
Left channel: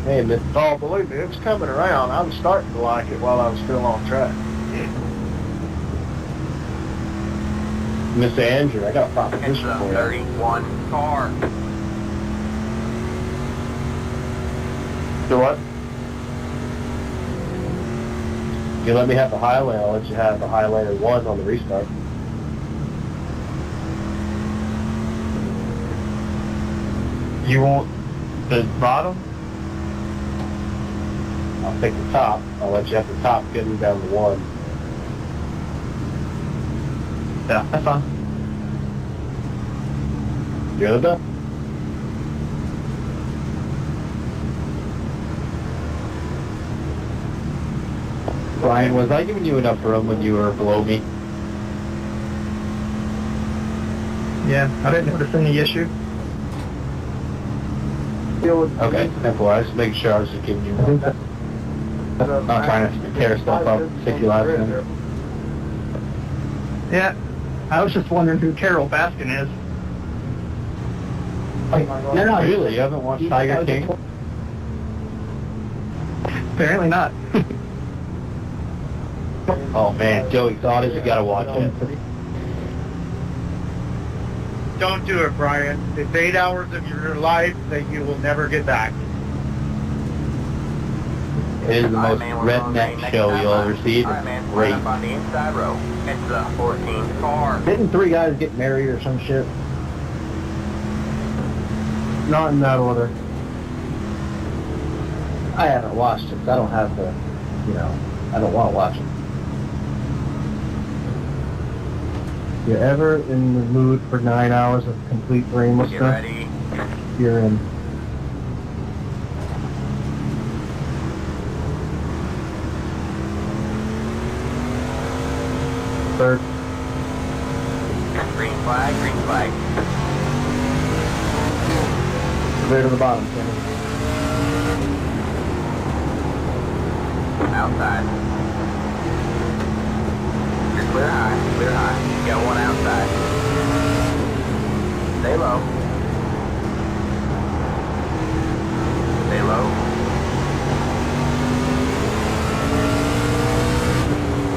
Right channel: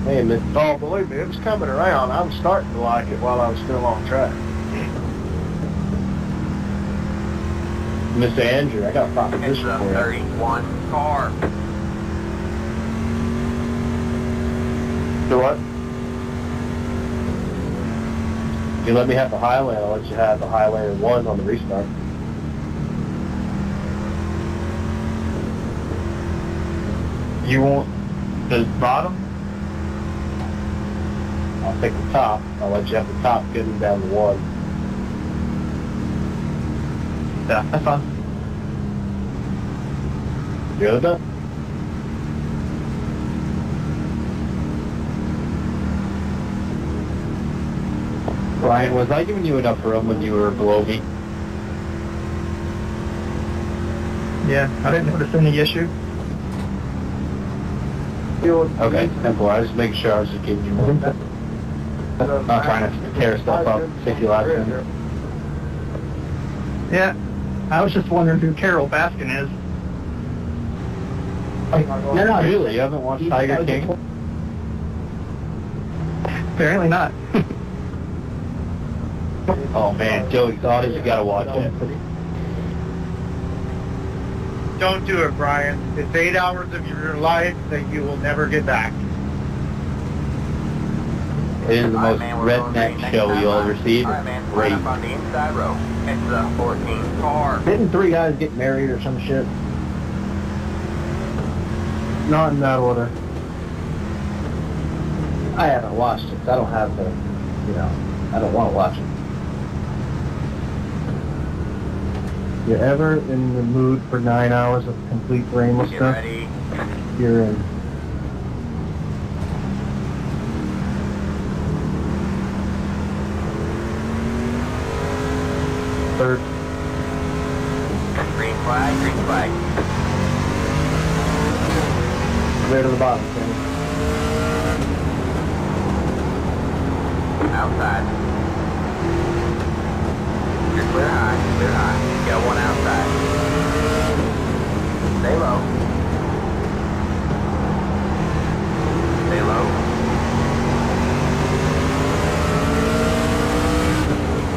Hey, Miss. Oh, believe me, it was coming around. I was starting to like it while I was still on track. Mr. Andrew, I got a It's proposition a for you. 31 car. So what? If you let me have the highway, I'll let you have the Highlander 1 on the restart. You want the bottom? I'll take the top. I'll let you have the top getting down to 1. Yeah, that's fine. The other done? Brian, was I giving you enough room when you were below me? Yeah, I didn't notice any issue. Okay, simple. I was just making sure I was just giving you room. Not trying to tear stuff up, stick you last time. Yeah, I was just wondering who Carol Baskin is. No, really? You haven't watched Tiger King? Apparently not. Oh man, Joe Exotic, you gotta watch it. Don't do it, Brian. It's 8 hours of your life that you will never get back. It is the most redneck show you'll ever see. All right, man. Great. Line up on the inside row. It's a 14 car. Didn't 3 guys get married or some shit? Not in that order. I haven't watched it. I don't have the, I don't want to watch it. You ever in the mood for 9 hours of complete brainless Get stuff? ready. You're in. Third. Green flag, green flag. Clear to the bottom, Kenny. Outside. You're clear high, clear high. You got one outside. Stay low. Stay low.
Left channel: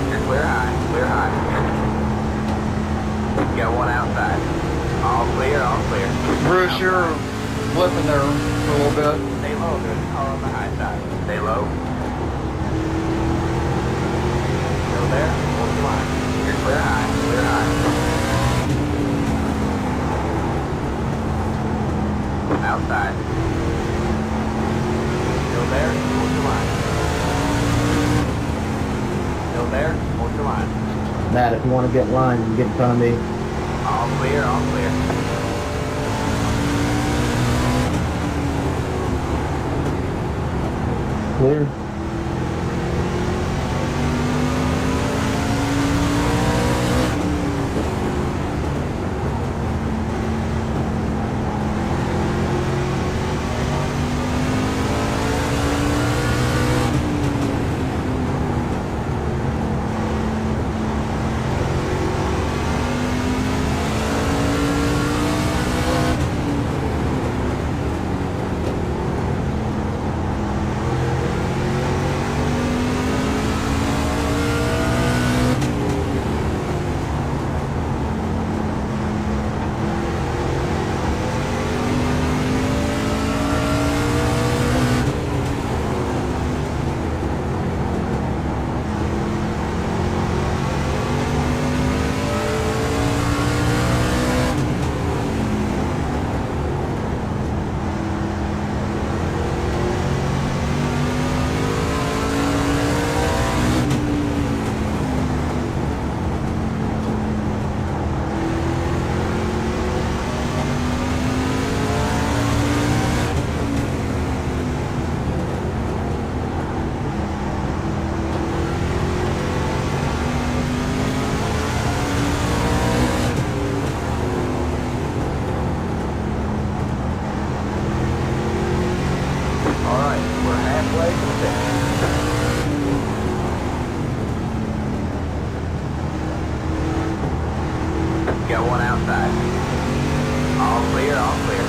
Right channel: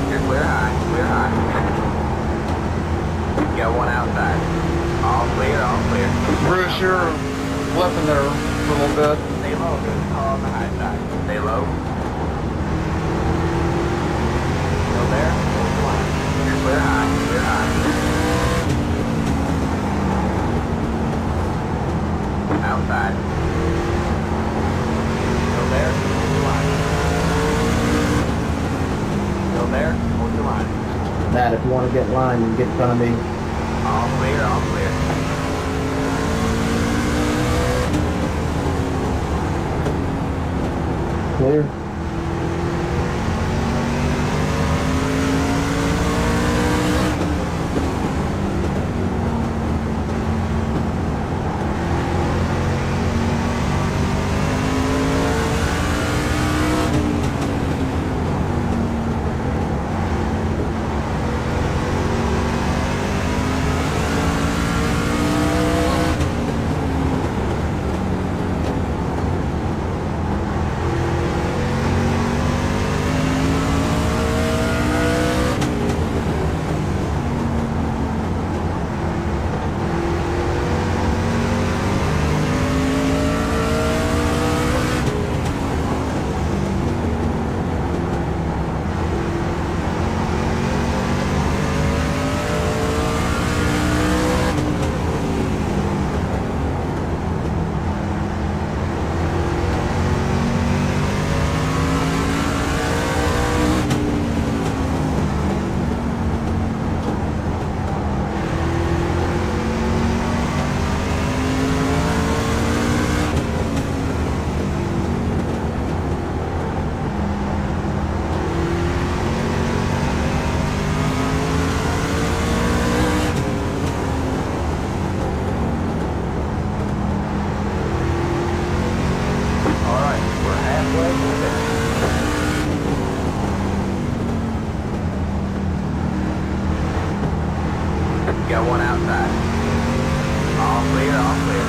You're clear high, clear high. You got one outside. All clear, all clear. Bruce, you're flipping there for a little bit. Stay low, good. Car on the high side. Stay low. Go there. Hold the line. You're clear high, clear high. Outside. Go there. Hold the line. Go there. Hold the line. Matt, if you want to get line, you can get in front of me. All clear, all clear. Clear. Got one outside. All clear, all clear.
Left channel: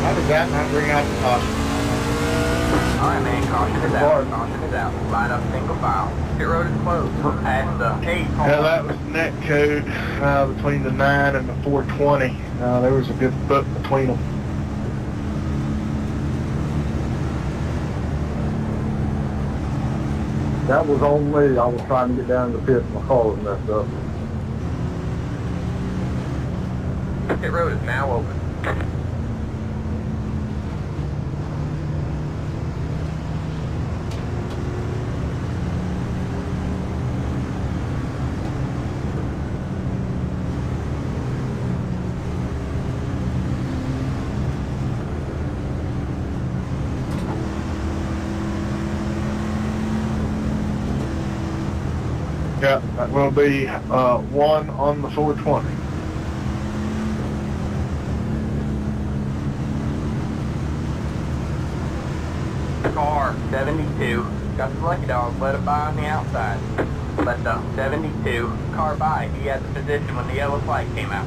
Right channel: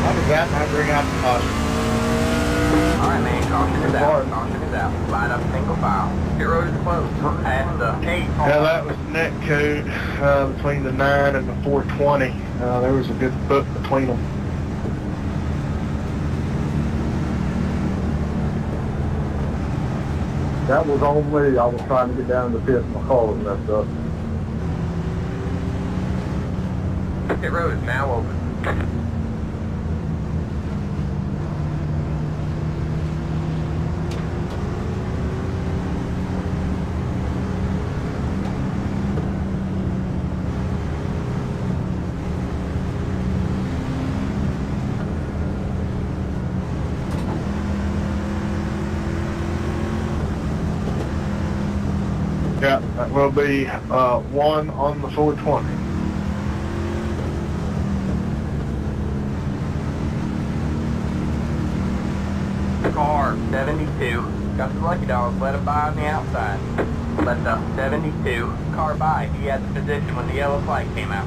How does that not bring out the caution? Alright, man, caution is out. Caution is out. Line up single file. Pit road is closed. Past the 8. Yeah, that was net code between the 9 and the 420. There was a good foot between them. That was on me. I was trying to get down to the pit and my car was messed up. Pit road is now open. Yeah, that will be 1 on the 420. Car 72. Got the lucky dogs. Let it by on the outside. Let the 72 car by. He had the position when the yellow flag came out.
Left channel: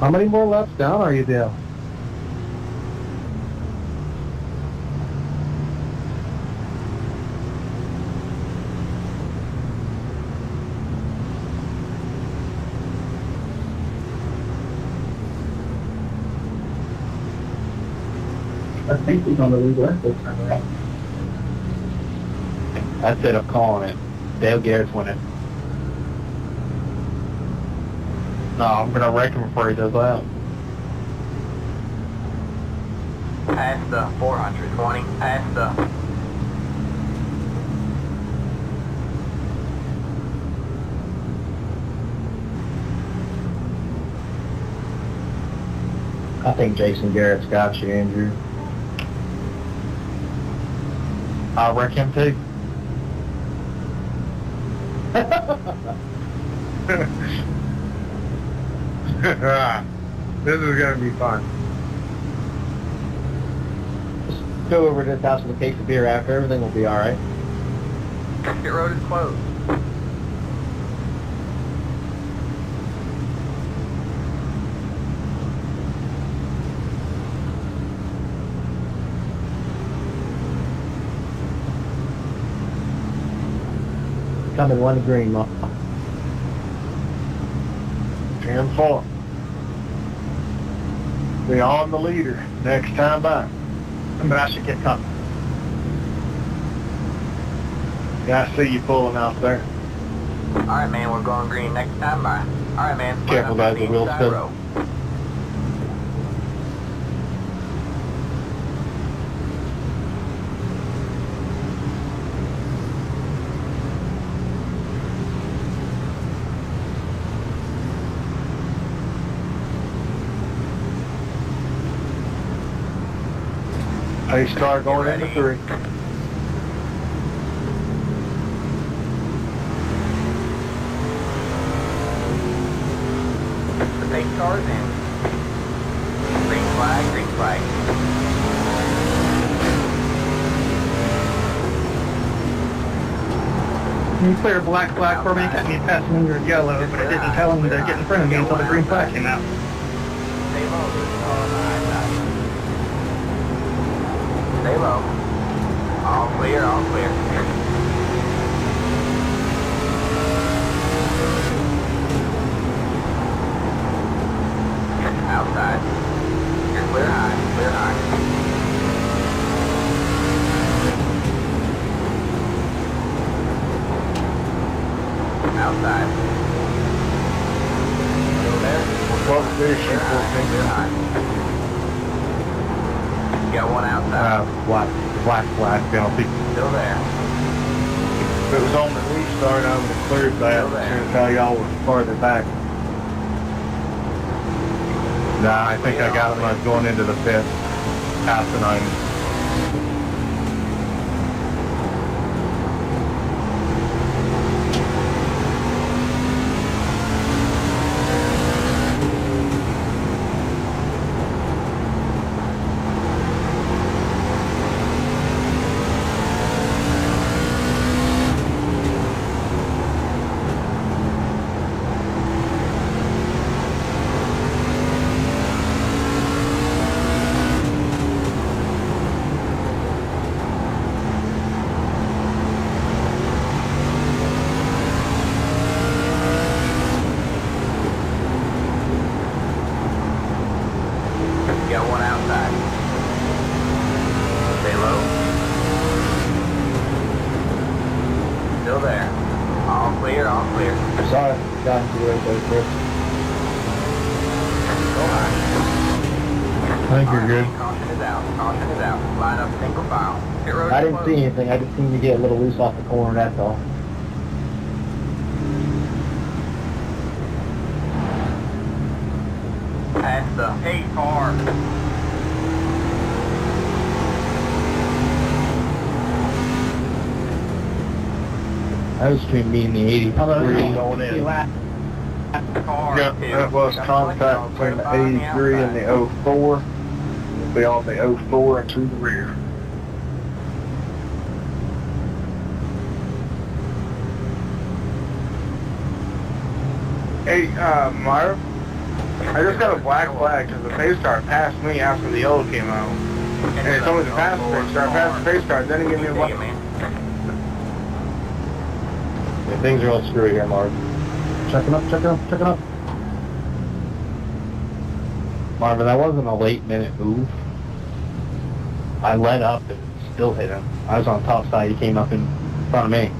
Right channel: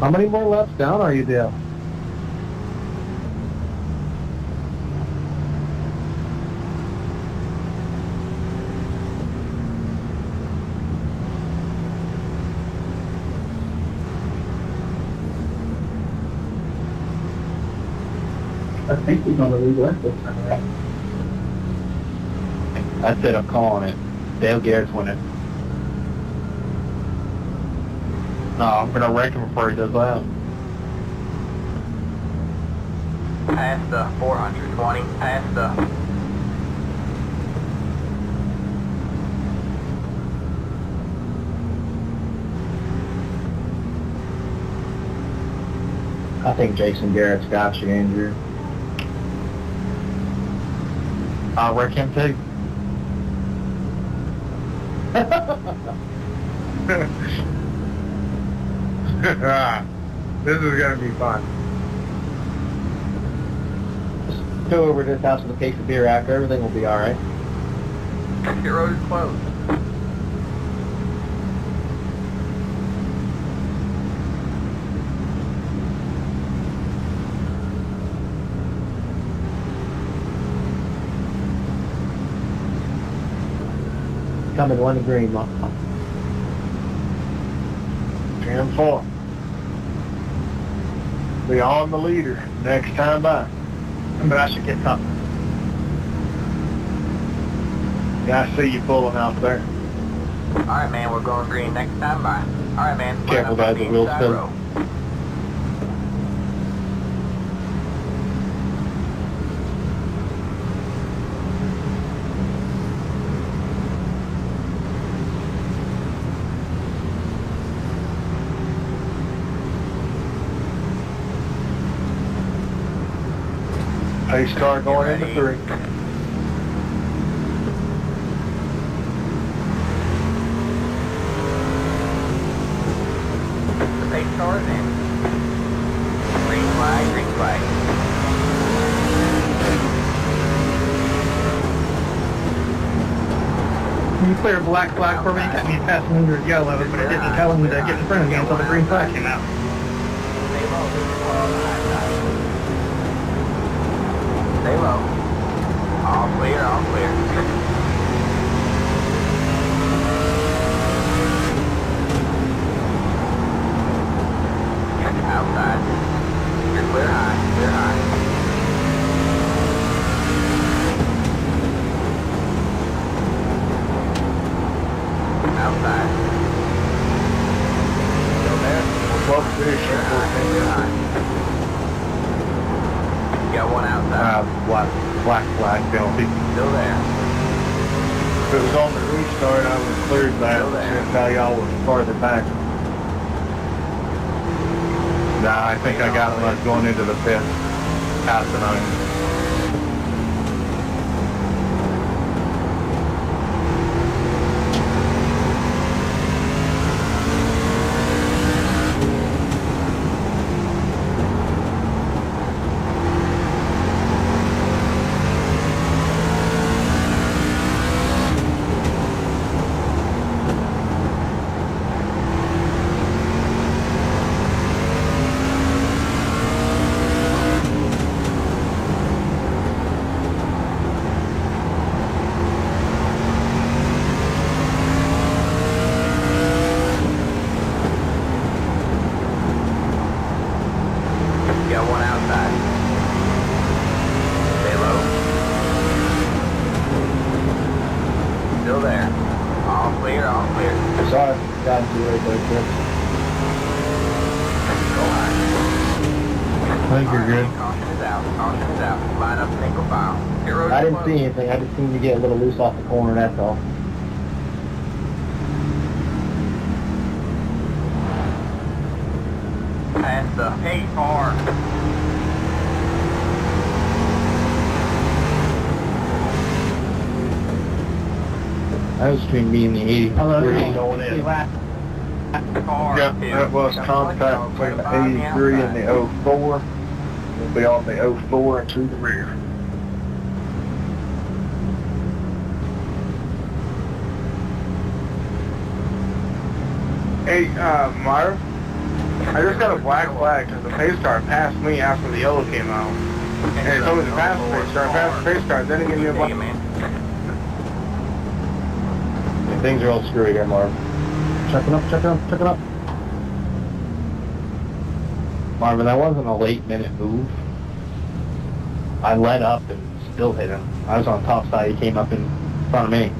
How many more laps down are you, Dale? I think he's on the lead left this time around. That's it, I'm calling it. Dale Garrett's winning. No, I'm gonna wreck him before he does that. Past the 420. Past the... I think Jason Garrett's got you, Andrew. I'll wreck him too. This is going to be fun. Just go over to this house with a case of beer after. Everything will be alright. Pit road is closed. Coming one green, Mom. 10-4. Be on the leader next time by. But I should get coming. Yeah, I see you pulling out there. Alright, man, we're going green next time by. Alright, man. line Careful, up on guys, the the wheels inside spin. row. Pace car going into 3. The pace car is in. Green flag, green flag. Can you clear a black flag for me? Got me passing under yellow, but it didn't tell him to get in front of me until the green flag came out. Stay low, there's a car on the high side. Stay low. All clear, all clear. Outside. You're clear high, clear high. Outside. Still there? Close position, Clear high, 14. clear high. Got one outside. Black flag penalty. Still there. If it was on the restart, I would have cleared that. Still there. That's how y'all were farther back. Nah, I think I got him when I was going into the pit. Passing on. got one outside. Stay low. Still there. All clear, all clear. Sorry, got into you right there, Chris. Go high. I think you're good. Caution is out. Caution is out. Line up single file. Hit road I didn't close. see anything. I just seen you get a little loose off the corner, that's all. Past the 8 car. I was between me and the 83 going in. Car. Yep, that was contact between the 83 and the 04. We'll be on the 04 and to the rear. Hey, Myra, I just got a black flag because the pace car passed me after the yellow came out. And it told me to pass the pace car. I passed the pace car, then it gave me a black. Yeah, things are all screwy here, Marv. Checking up, checking up, checking up. Marvin, that wasn't a late minute move. I let up and still hit him. I was on top side, he came up in front of me.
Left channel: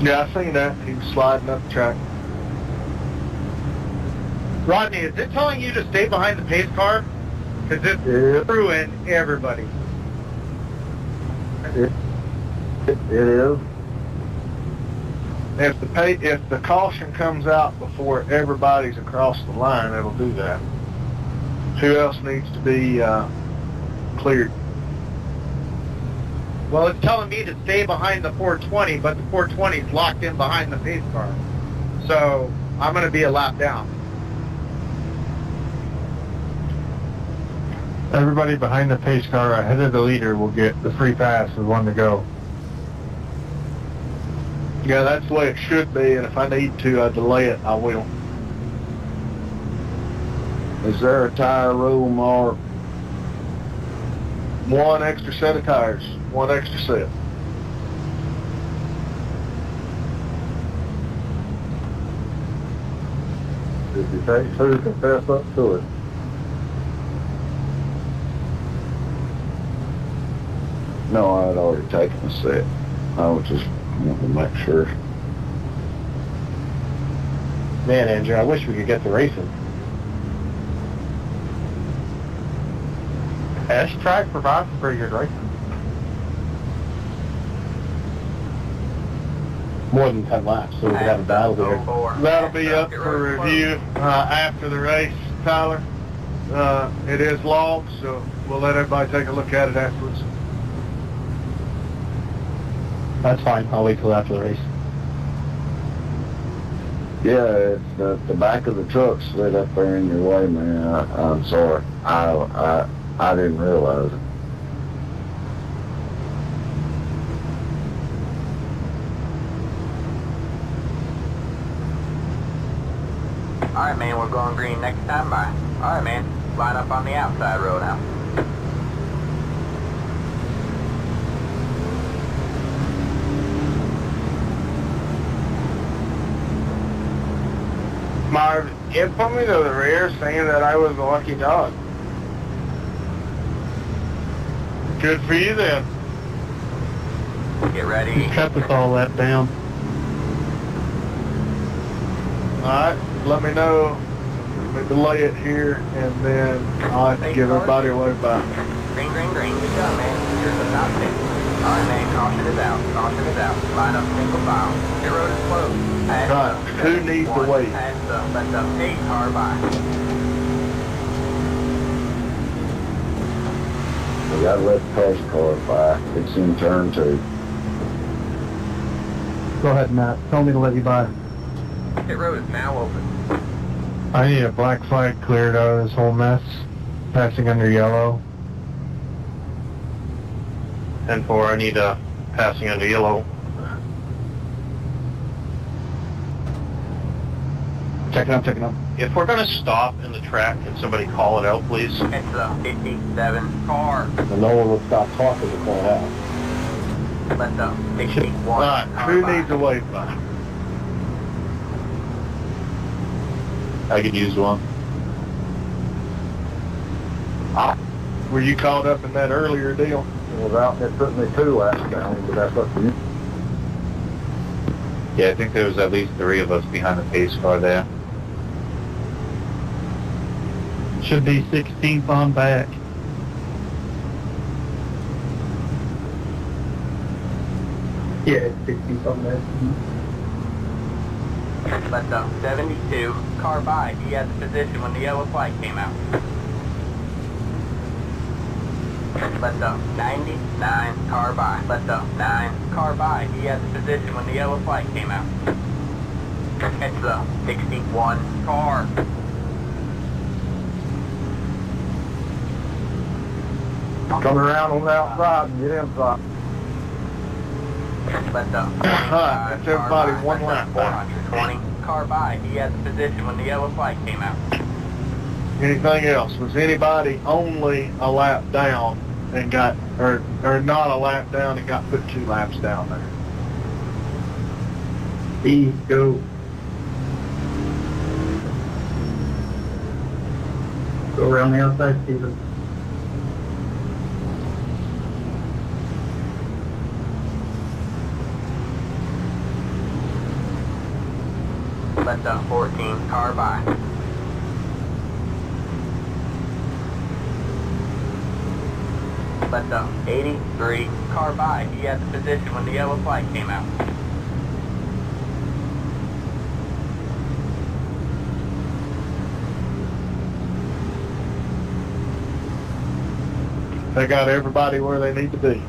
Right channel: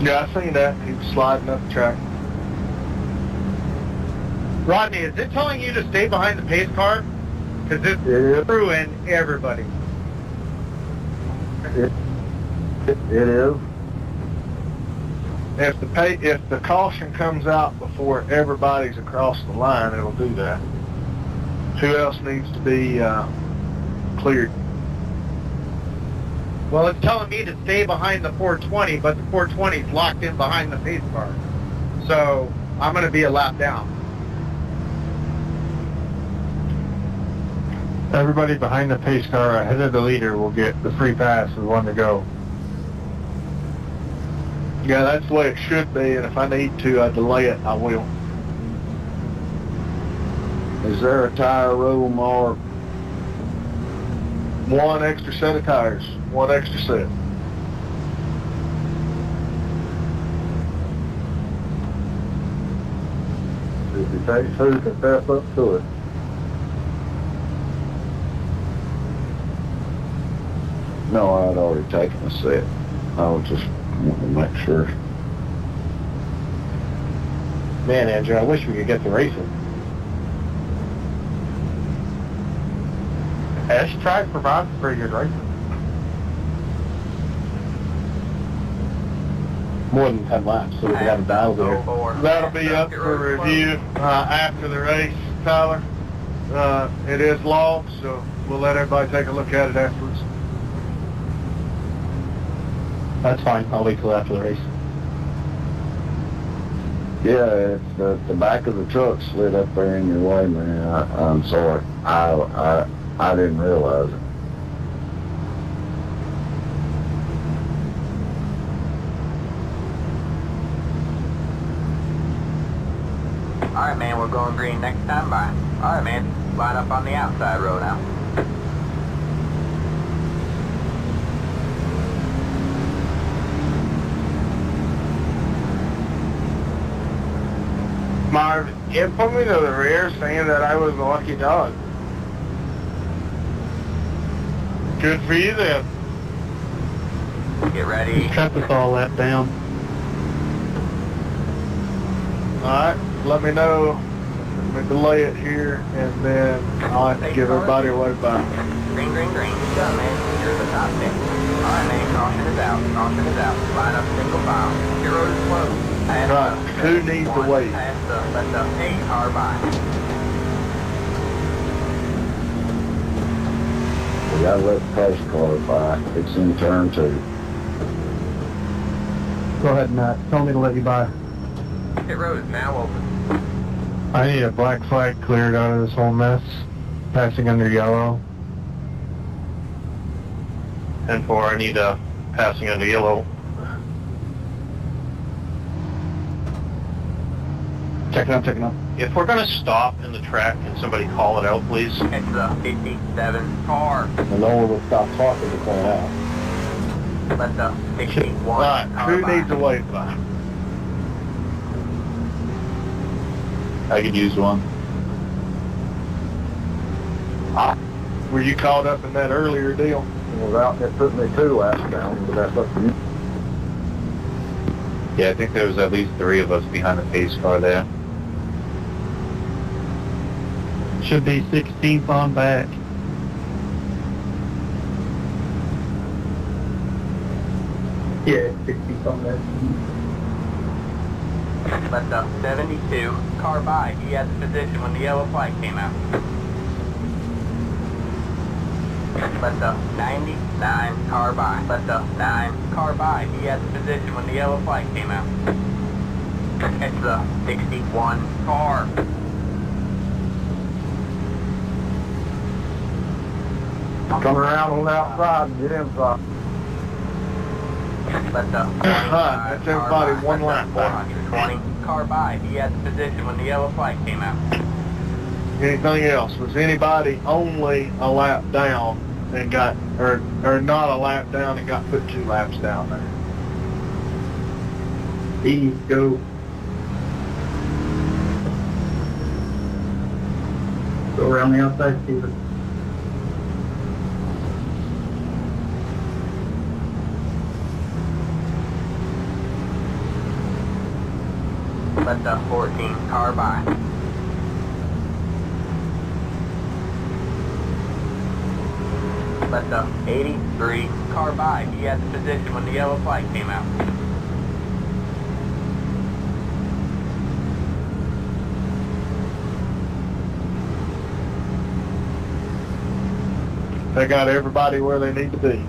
Yeah, I seen that. He was sliding up the track. Rodney, is it telling you to stay behind the pace car? Because it's screwing everybody. It is. If the caution comes out before everybody's across the line, it'll do that. Who else needs to be cleared? Well, it's telling me to stay behind the 420, but the 420 is locked in behind the pace car. So I'm going to be a lap down. Everybody behind the pace car ahead of the leader will get the free pass with one to go. Yeah, that's the way it should be, and if I need to delay it, I will. Is there a tire roll mark? One extra set of tires, one extra set. If you take two, to pass up to it. No, I'd already taken a set. I was just wanting to make sure. Man, Andrew, I wish we could get to racing. S-Track provides pretty good racing. More than 10 laps, so we could have a battle there. That'll be up for review after the race, Tyler. It is logged, so we'll let everybody take a look at it afterwards. That's fine, I'll wait till after the race. Yeah, it's the back of the truck slid up there in your way, man. I'm sorry. I didn't realize it. Alright, man, we're going green next time by. Alright, man, line up on the outside road now. Marv, it put me to the rear saying that I was a lucky dog. Good for you then. Get ready. Cut us all that down. Alright, let me know. Let me delay it here, and then I'll have to give everybody a way back. Green, green, green. You got it, man. You're the top 10. Alright, man, caution is out. Caution is out. Line up single file. Your road is closed. Right, who needs to wait? Let the 8 car by. We gotta let the pace car by. It's in turn 2. Go ahead, Matt. Tell me to let you by. Pit road is now open. I need a black flag cleared out of this whole mess. Passing under yellow. 10-4, I need passing under yellow. Checking up, checking up. If we're going to stop in the track, can somebody call it out, please? It's the 57 car. And no one would stop talking to point out. Let the 61 Right, car who by. needs a wait by? I could use one. Were you caught up in that earlier deal? It took me 2 laps down, but that's up to you. Yeah, I think there was at least 3 of us behind the pace car there. Should be 16th on back. Yeah, 16th on back. Left up 72, car by. He had the position when the yellow flag came out. Left up 99, car by. Left up 9, car by. He had the position when the yellow flag came out. Catch the 61 car. Come around on the outside and get inside. Left up. That's everybody one lap back. 420, car by. He had the position when the yellow flag came out. Anything else? Was anybody only a lap down and got, or not a lap down and got put 2 laps down there? B, go. Go around the outside, Steven. Left up 14, car by. Left up 83, car by. He had the position when the yellow flag came out. They got everybody where they need to be.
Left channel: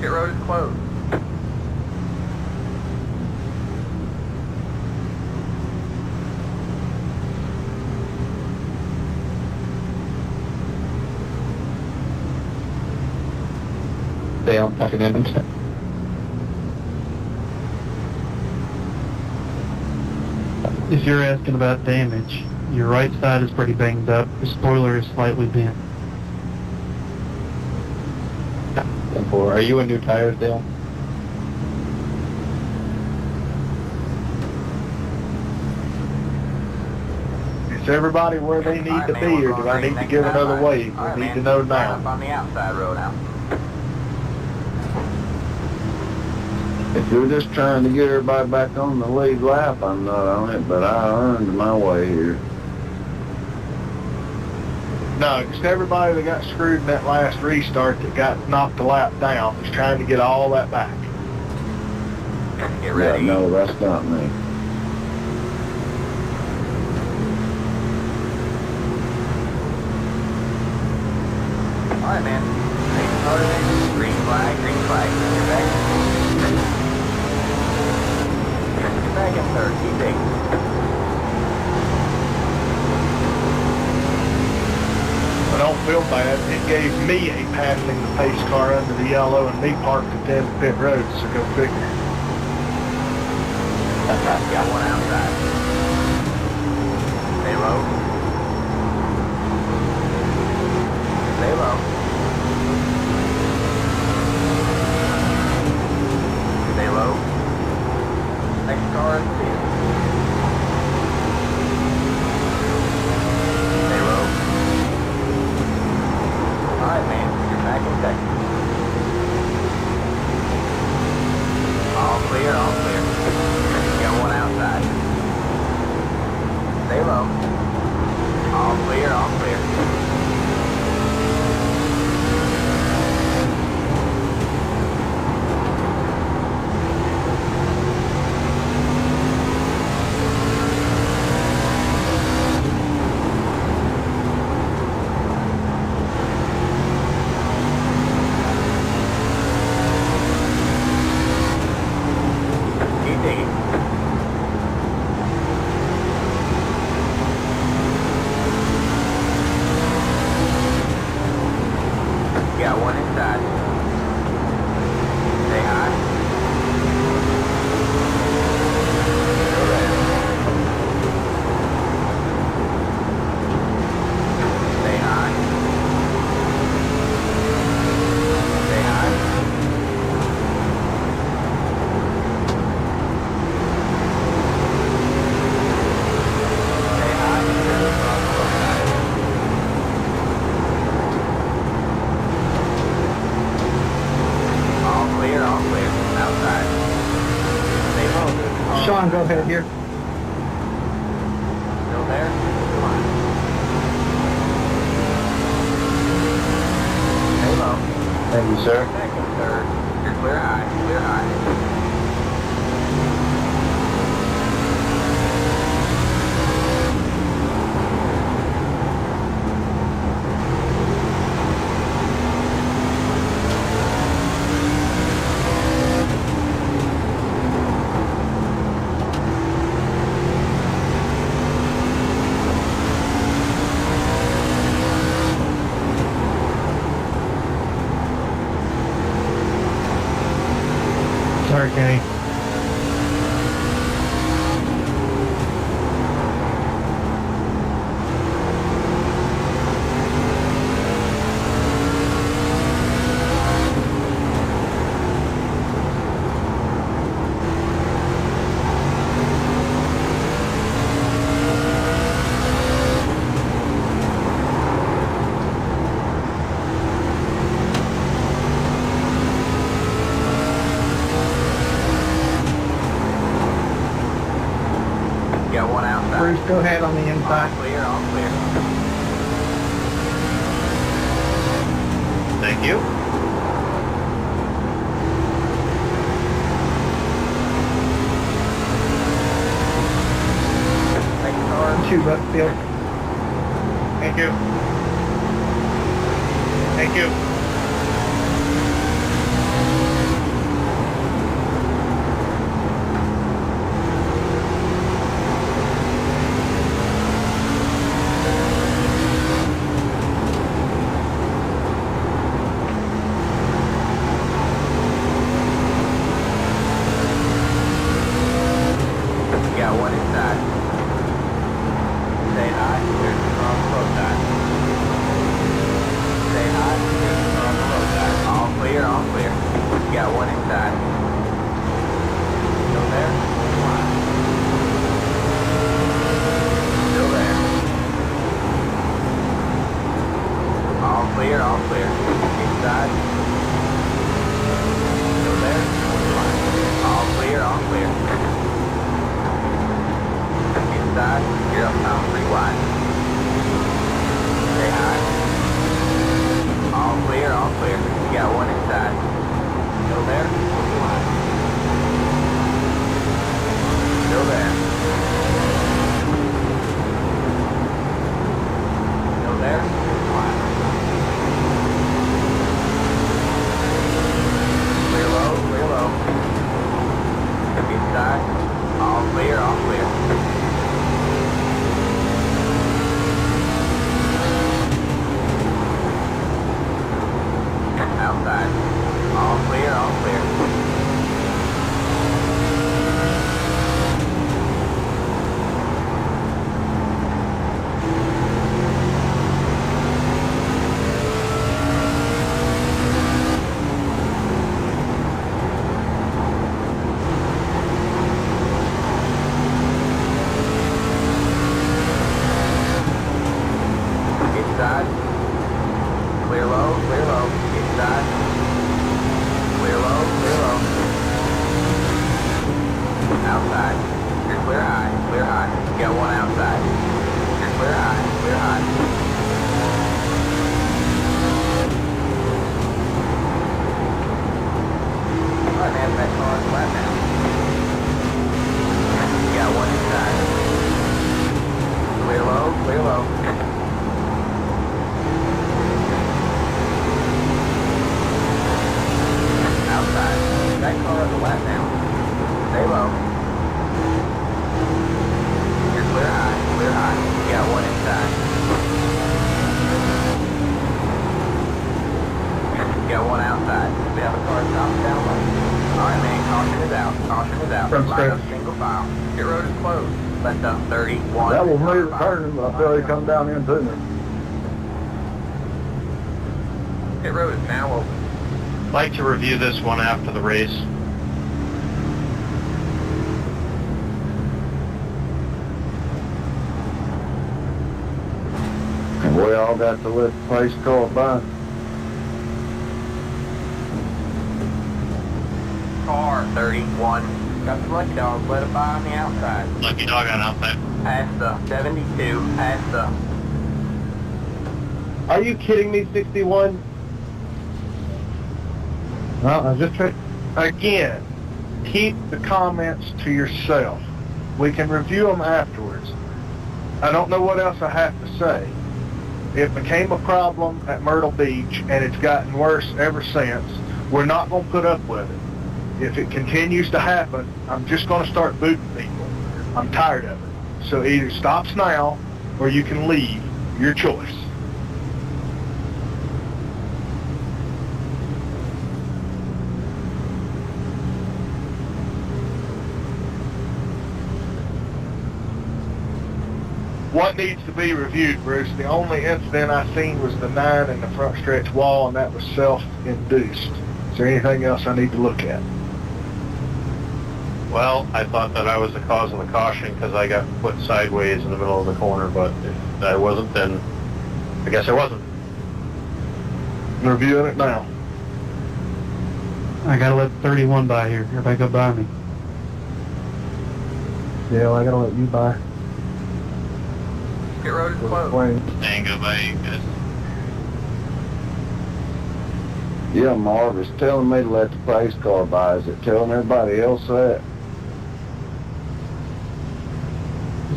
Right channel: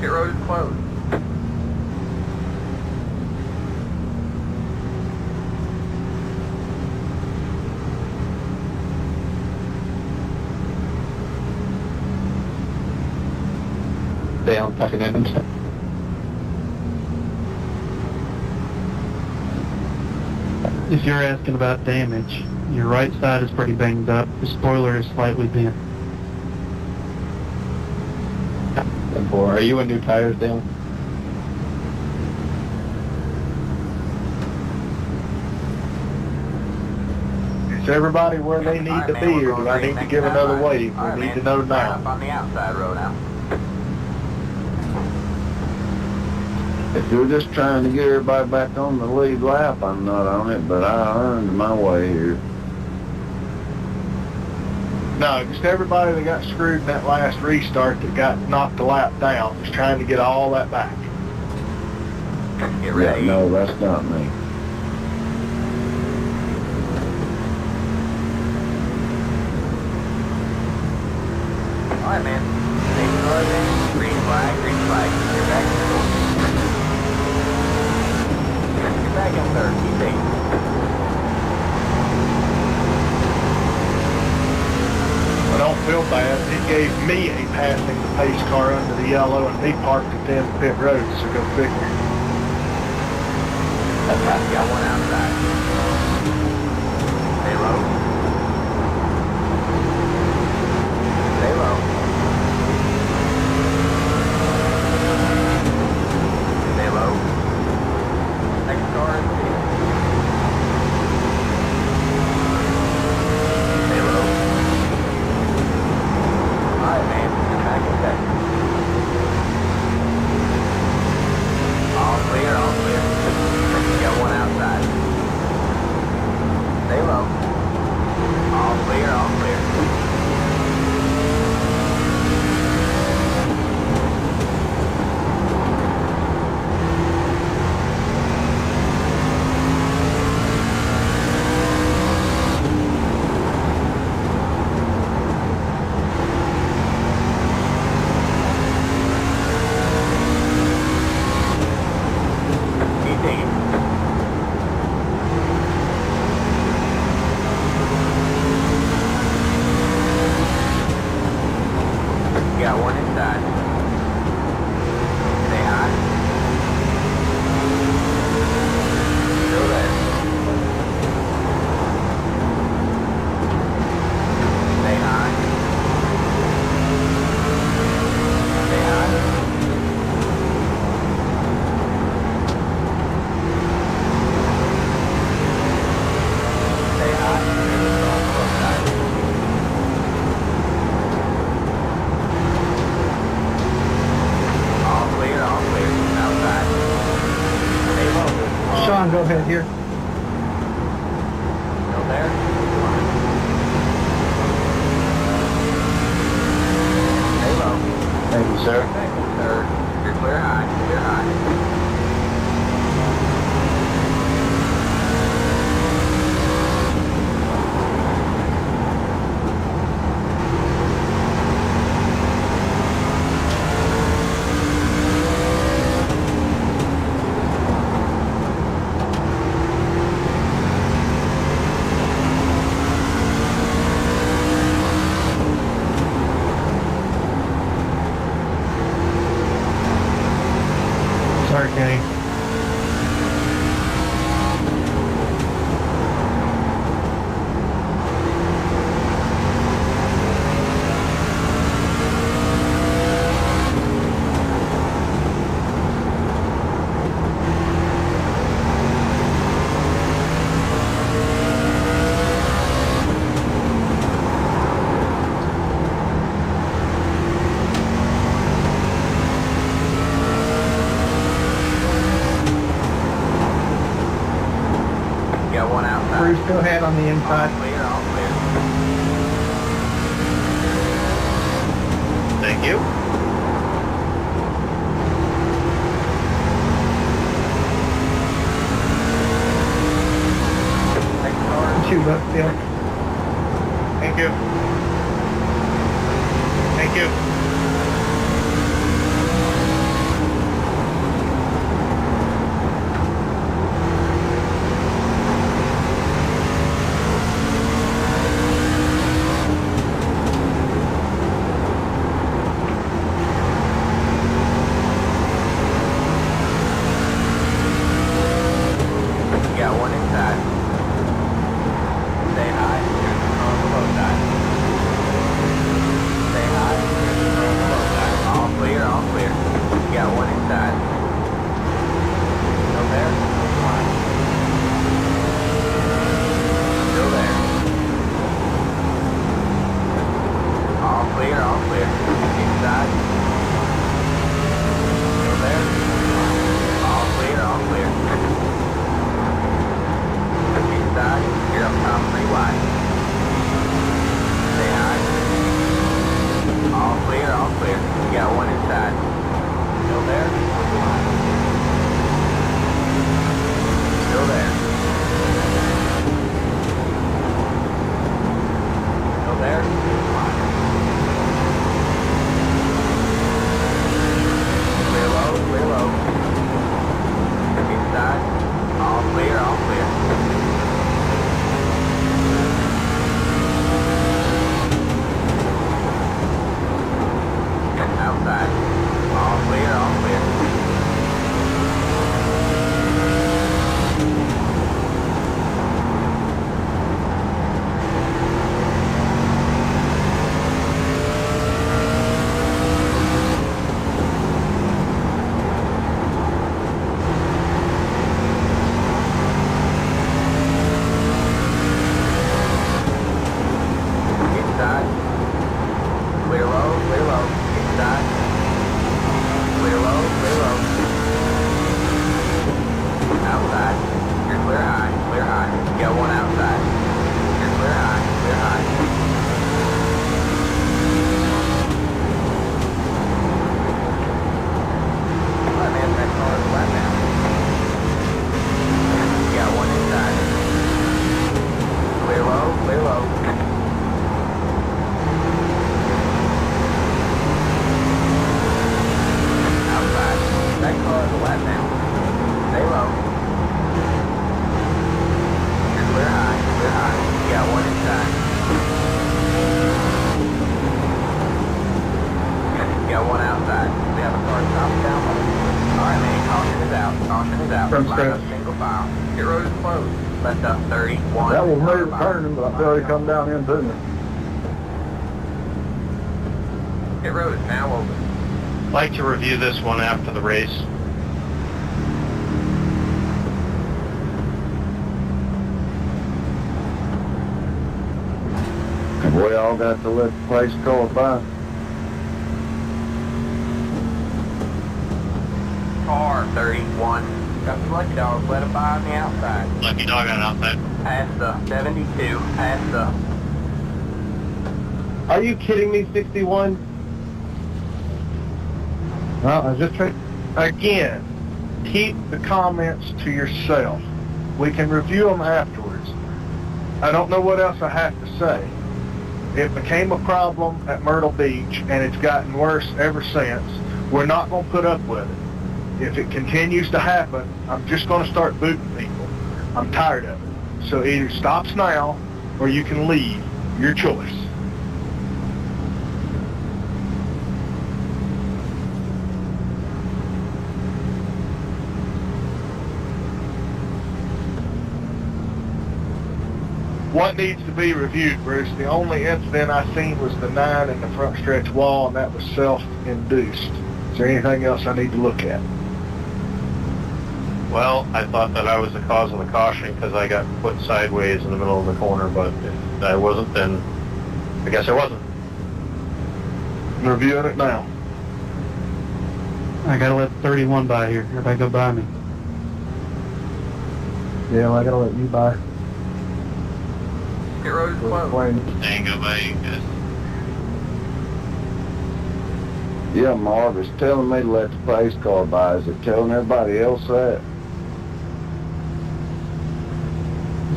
Pit road is closed. Down, tucking in. If you're asking about damage, your right side is pretty banged up. The spoiler is slightly bent. Are you in new tires, Dale? Is everybody where they need to be, or do I need to give another wave? We need to know now. Up on the outside road now. If you're just trying to get everybody back on the lead lap, I'm not on it, but I earned my way here. No, just everybody that got screwed in that last restart that got knocked a lap down is trying to get all that back. Get ready. Yeah, no, that's not me. Alright, man. Same car then. Green flag, green flag. Get back. Get back in third. Keep it. I don't feel bad. It gave me a passing the pace car under the yellow and me parked at the end of pit road, so go figure. Got one outside. Stay low. Stay low. Stay low. Next car in the stay low. Alright, man. You're back in second. All clear, all clear. Got one outside. Stay low. All clear, all clear. on, go ahead here. Still there? Stay low. Thank you, sir. Second, third. You're clear high. Clear high. Sorry, Kenny. Got one outside. Bruce, go ahead on the All inside. clear, all clear. Thank you. Next car. Shoot, Buckfield. Thank you. Thank you. Got one inside. Stay high. Here's the front both sides. Stay high. Here's the front both sides. All clear, all clear. Got one inside. Still there? Still there. All clear, all clear. Inside. Still there? All clear, all clear. Inside, you're up top 3 wide. Stay high. All clear, all clear. You got one inside. Still there? Still there. Still there? Clear low, clear low. Inside. All clear, all clear. Outside. All clear, all clear. Inside. Clear low, clear low. Inside. Clear low, clear low. Outside. You're clear high, clear high. You got one outside. You're clear high, clear high. Alright man, that car is flat now. You got one inside. Clear low, clear low. Outside. That car is a lap now. Stay low. You're clear high, clear high. You got one inside. You got one outside. We have a car stopped down low. Alright man, caution is out. Caution is out. From Line up straight. single file. Your road is closed. Left up 31. That was me turning, but I feel he come down into me. Pit road is now open. I'd like to review this one after the race. We all got to let the place go by. Car 31. Got the lucky dog, let it by on the outside. Lucky dog on outside. Past the 72, past the... Are you kidding me, 61? Well, I was just trying... Again, keep the comments to yourself. We can review them afterwards. I don't know what else I have to say. It became a problem at Myrtle Beach, and it's gotten worse ever since. We're not going to put up with it. If it continues to happen, I'm just going to start booting people. I'm tired of it. So either stops now, or you can leave. Your choice. What needs to be reviewed, Bruce? The only incident I seen was the 9 in the front stretch wall, and that was self-induced. Is there anything else I need to look at? Well, I thought that I was the cause of the caution because I got put sideways in the middle of the corner, but if I wasn't, then I guess I wasn't. I'm reviewing it now. I gotta let 31 by here. Everybody go by me. Yeah, I gotta let you by. Pit road is closed. Tango by you guys. Yeah, Marv is telling me to let the pace car by. Is it telling everybody else that?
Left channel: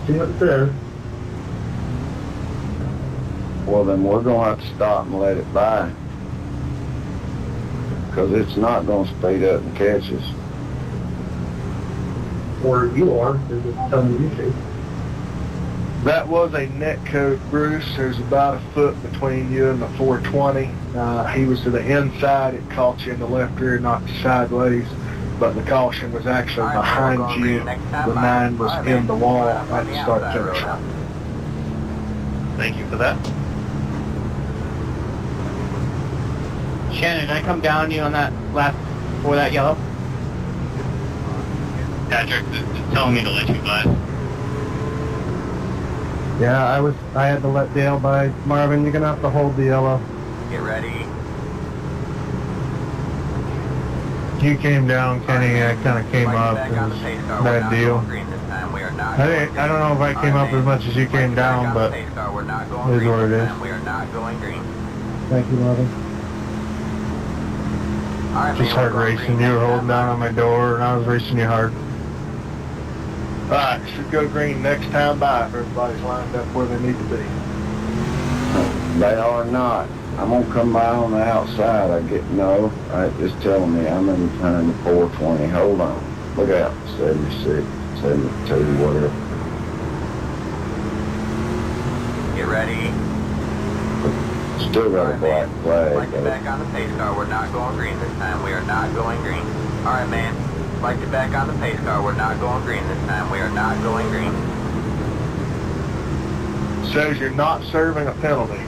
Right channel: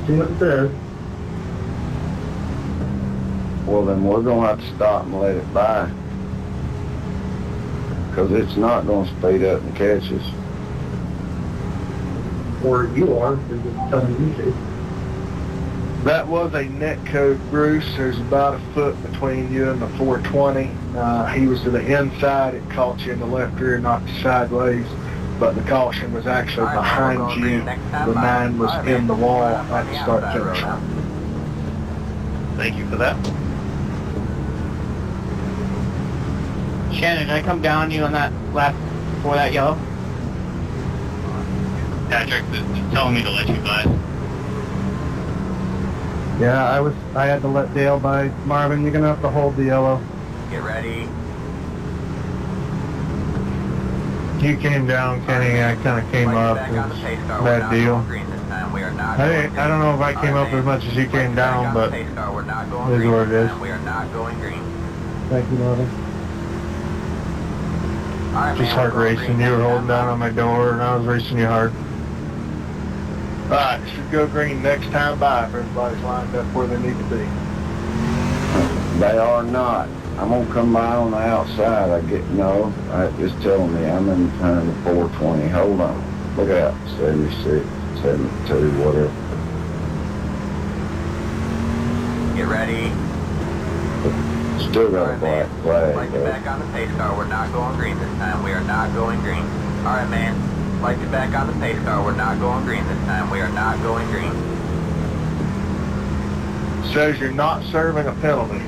See what it says. Well, then we're going to have to stop and let it by. Because it's not going to speed up and catch us. Or you are, because it's telling you to. That was a net code, Bruce. There's about a foot between you and the 420. He was to the inside. It caught you in the left rear, not sideways. But the caution was actually behind you. The 9 was in the wall at the start finish. Thank you for that. Shannon, did I come down on you on that lap before that yellow? Patrick is telling me to let you by. Yeah, I had to let Dale by. Marvin, you're gonna have to hold the yellow. Get ready. You came down, Kenny. I kind of came up. It was a bad deal. I don't know if I came up as much as you came down, but it is what it is. We are not going green. Thank you, Marvin. Just hard racing. You were holding down on my door, and I was racing you hard. Alright, should go green next time by if everybody's lined up where they need to be. They are not. I'm going to come by on the outside. It's telling me I'm in turn to 420. Hold on. Look out. 76, 72, whatever. Get ready. Still got a black flag. Like it back on the pace car. We're not going green this time. We are not going green. Alright, man. Like it back on the pace car. We're not going green this time. We are not going green. Says you're not serving a penalty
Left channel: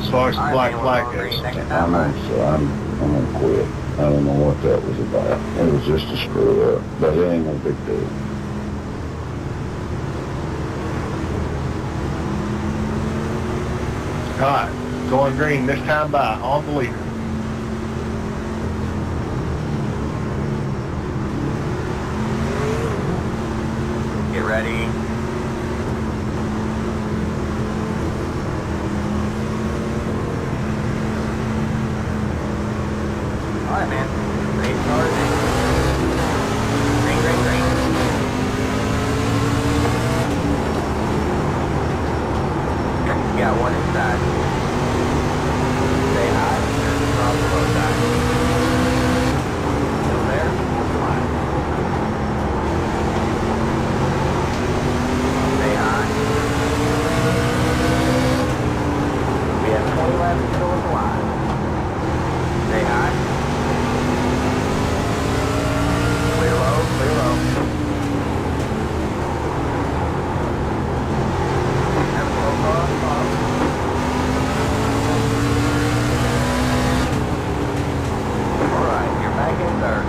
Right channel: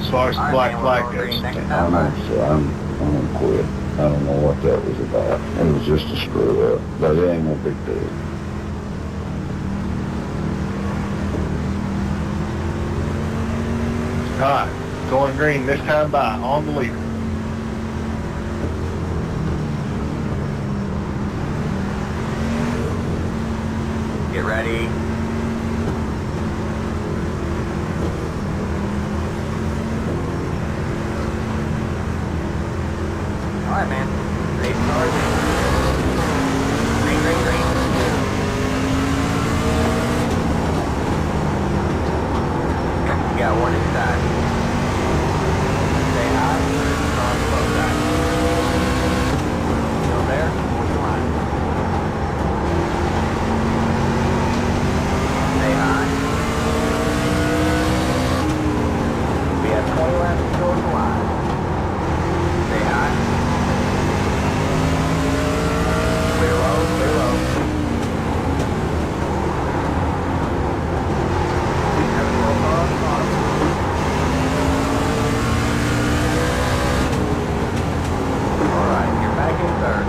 as far as the black flag goes. I'm gonna quit. I don't know what that was about. It was just a screw up, but it ain't no big deal. Alright, going green this time by on the leader. Get ready. Alright, man. Race cars. Green, green, green. You got one inside. Stay high. Cross the low side. Still there? Line. Stay high. We have 20 laps to go in the line. Stay high. Clear low, clear low. Have a slow car on the bottom. Alright, you're back in third.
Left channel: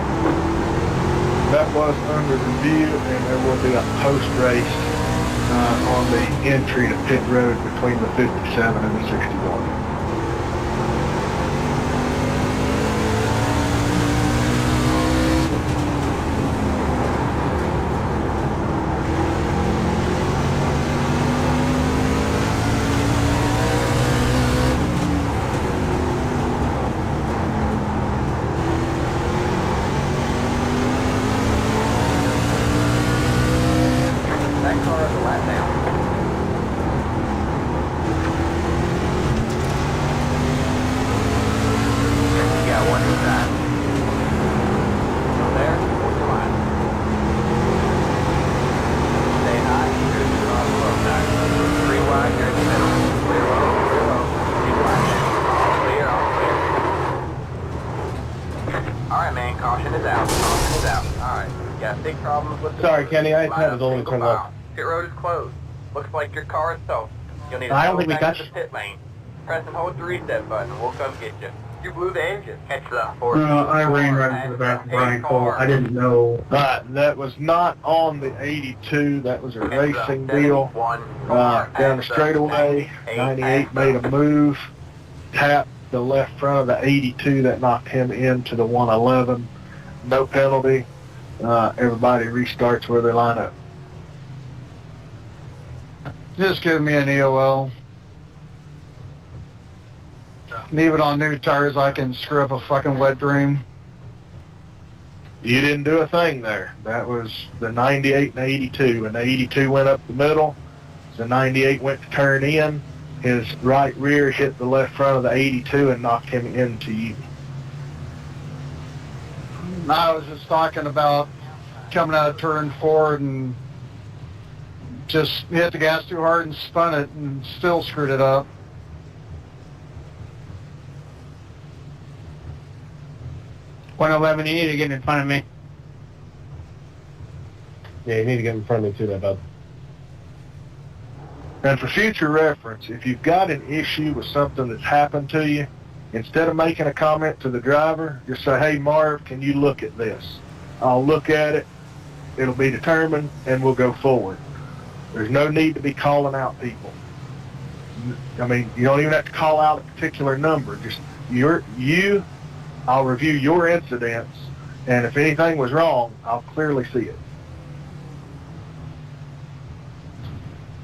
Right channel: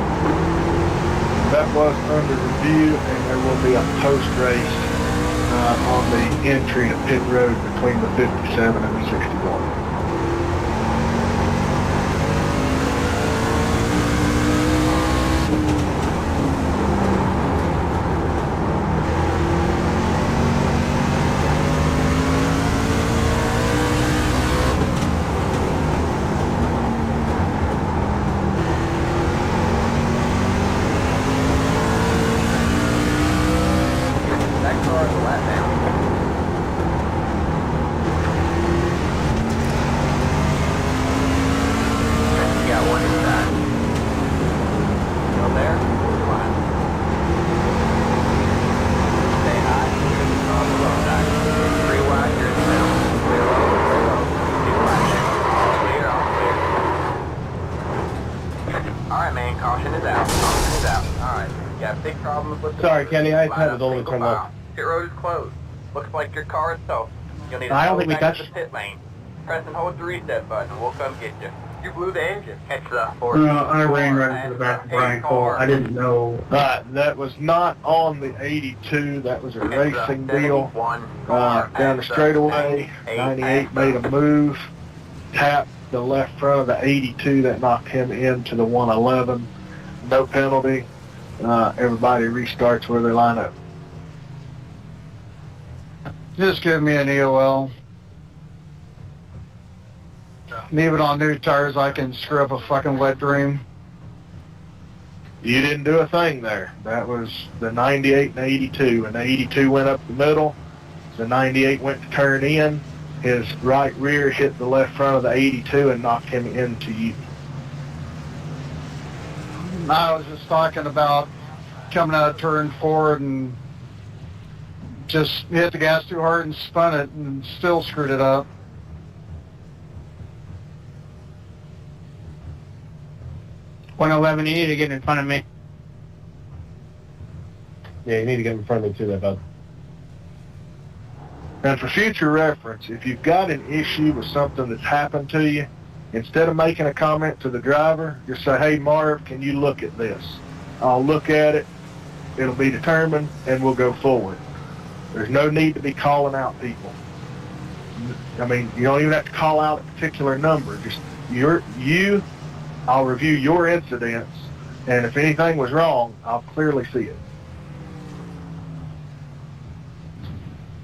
That was under review, and there will be a post-race on the entry to pit road between the 57 and the 61. Got big problems with the Sorry, Kenny, I line had up it only single turned file. left. Pit road is closed. Looks like your car is toast. You'll need to I don't go think we back to touched. the pit lane. Press and hold the reset button and we'll come get you. You blew the engine. Catch the I ran right into the back of Brian Cole. I didn't know. That was not on the 82. That was a racing deal. Down the straightaway, 98 made a move, tapped the left front of the 82. That knocked him into the 111. No penalty. Everybody restarts where they line up. Just give me an EOL. Leave it on new tires. I can screw up a fucking wet dream. You didn't do a thing there. That was the 98 and 82. And the 82 went up the middle. The 98 went to turn in. His right rear hit the left front of the 82 and knocked him into you. I was just talking about coming out of turn 4 and just hit the gas too hard and spun it and still screwed it up. .11, you need to get in front of me. Yeah, you need to get in front of me too, there, bud. And for future reference, if you've got an issue with something that's happened to you, instead of making a comment to the driver, just say, hey, Marv, can you look at this? I'll look at it. It'll be determined, and we'll go forward. There's no need to be calling out people. I mean, you don't even have to call out a particular number. Just I'll review your incidents, and if anything was wrong, I'll clearly see it.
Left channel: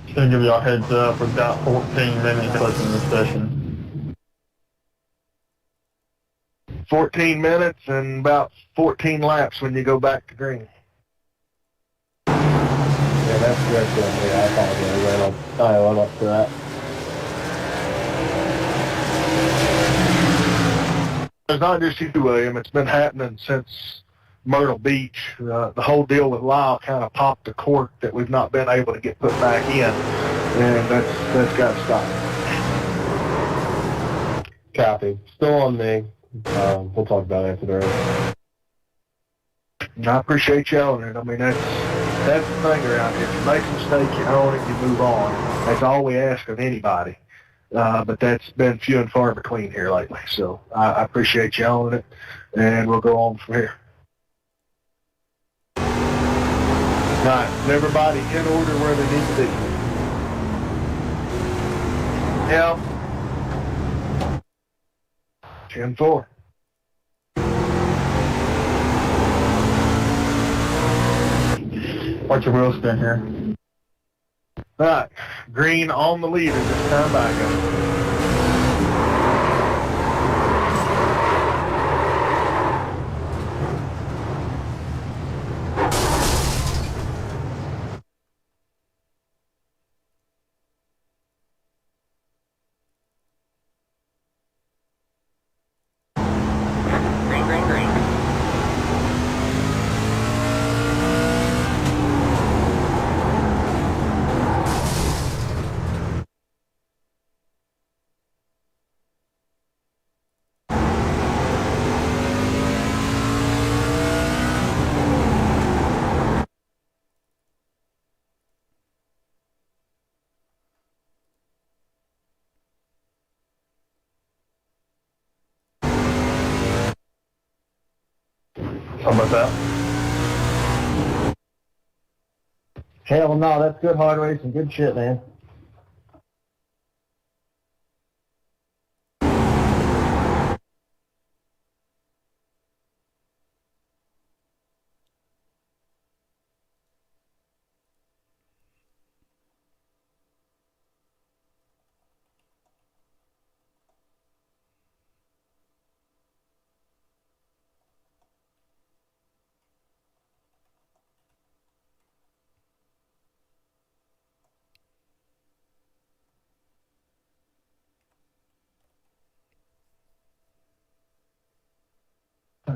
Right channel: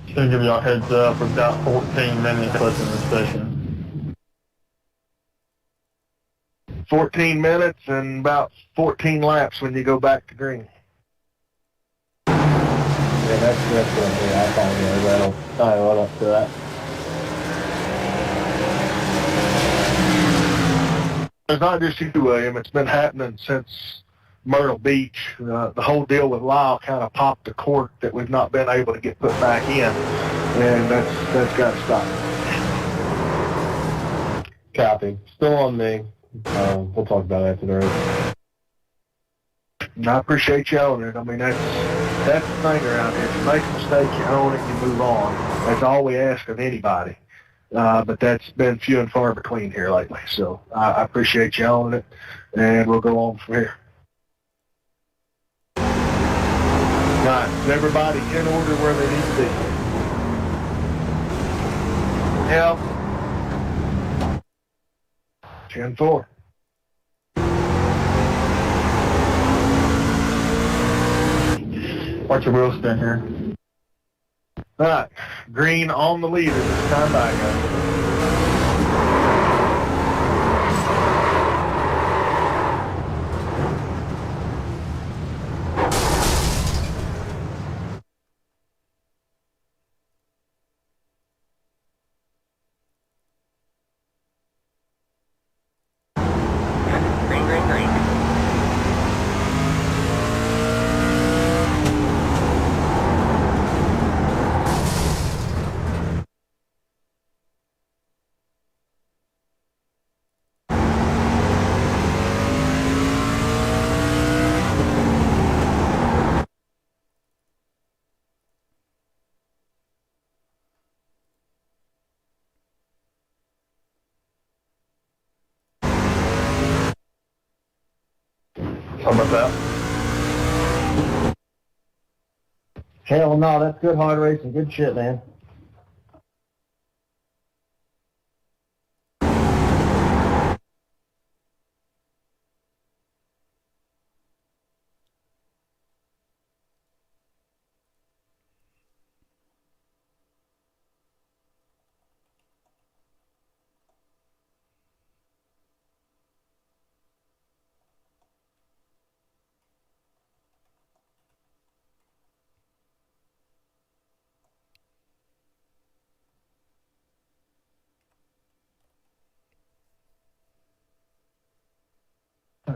Just gonna give you a heads up. We've got 14 minutes left in the session. 14 minutes and about 14 laps when you go back to green. Yeah, that's yeah, I apologize. I went up to that. It's not just you, William. It's been happening since Myrtle Beach. The whole deal with Lyle kind of popped the cork that we've not been able to get put back in, and that's got to stop. Copy. Still on me. We'll talk about it after the race. And I appreciate you owning it. I mean, that's the thing around here. If you make a mistake, you own it, you move on. That's all we ask of anybody. But that's been few and far between here lately. So I appreciate you owning it, and we'll go on from here. All right, is everybody in order where they need to be? Yeah. 10-4. Watch your wheel spin here. All right, green on the leader this time by, guys. Green, green, green. How about that? Hell no, that's good hard racing. Good shit, man.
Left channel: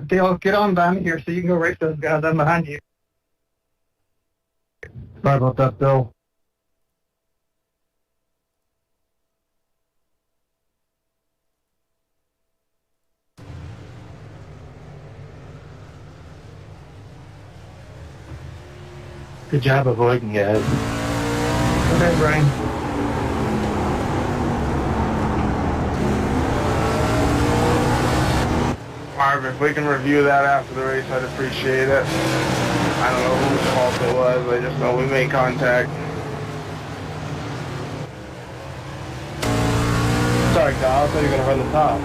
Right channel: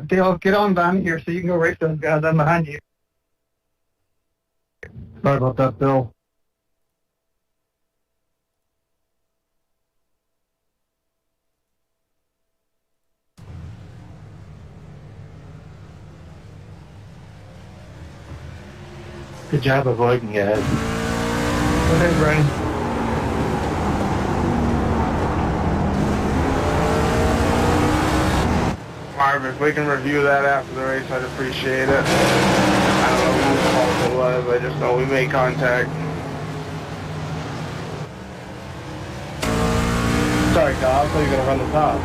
Dale, get on behind me here so you can go race those guys. I'm behind you. Sorry about that, Bill. Good job avoiding guys. Okay, Brian. Marv, if we can review that after the race, I'd appreciate it. I don't know whose fault it was, I just know we made contact. Sorry, Kyle, I thought you were going to run the top.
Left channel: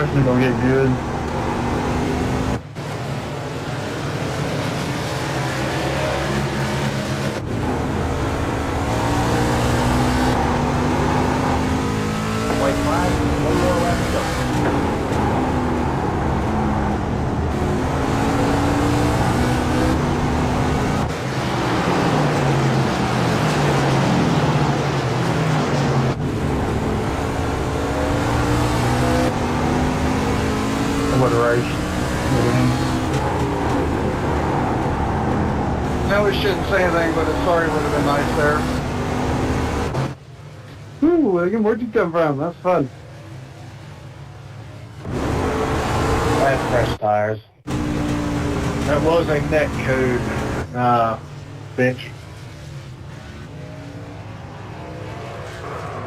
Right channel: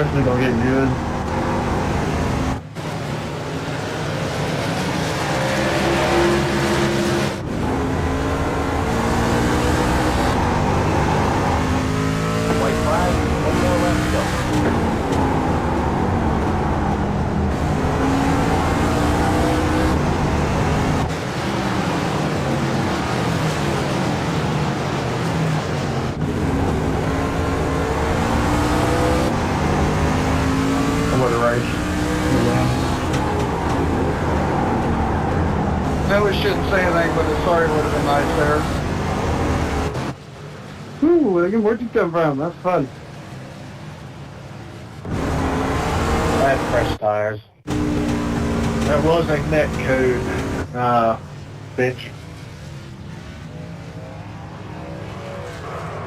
It's gonna get good. White flag, one more left to go. Over the race. No, we shouldn't say anything, but a sorry would have been nice there. Ooh, William, where'd you come from? That's fun. I had fresh tires. That was a net code bench.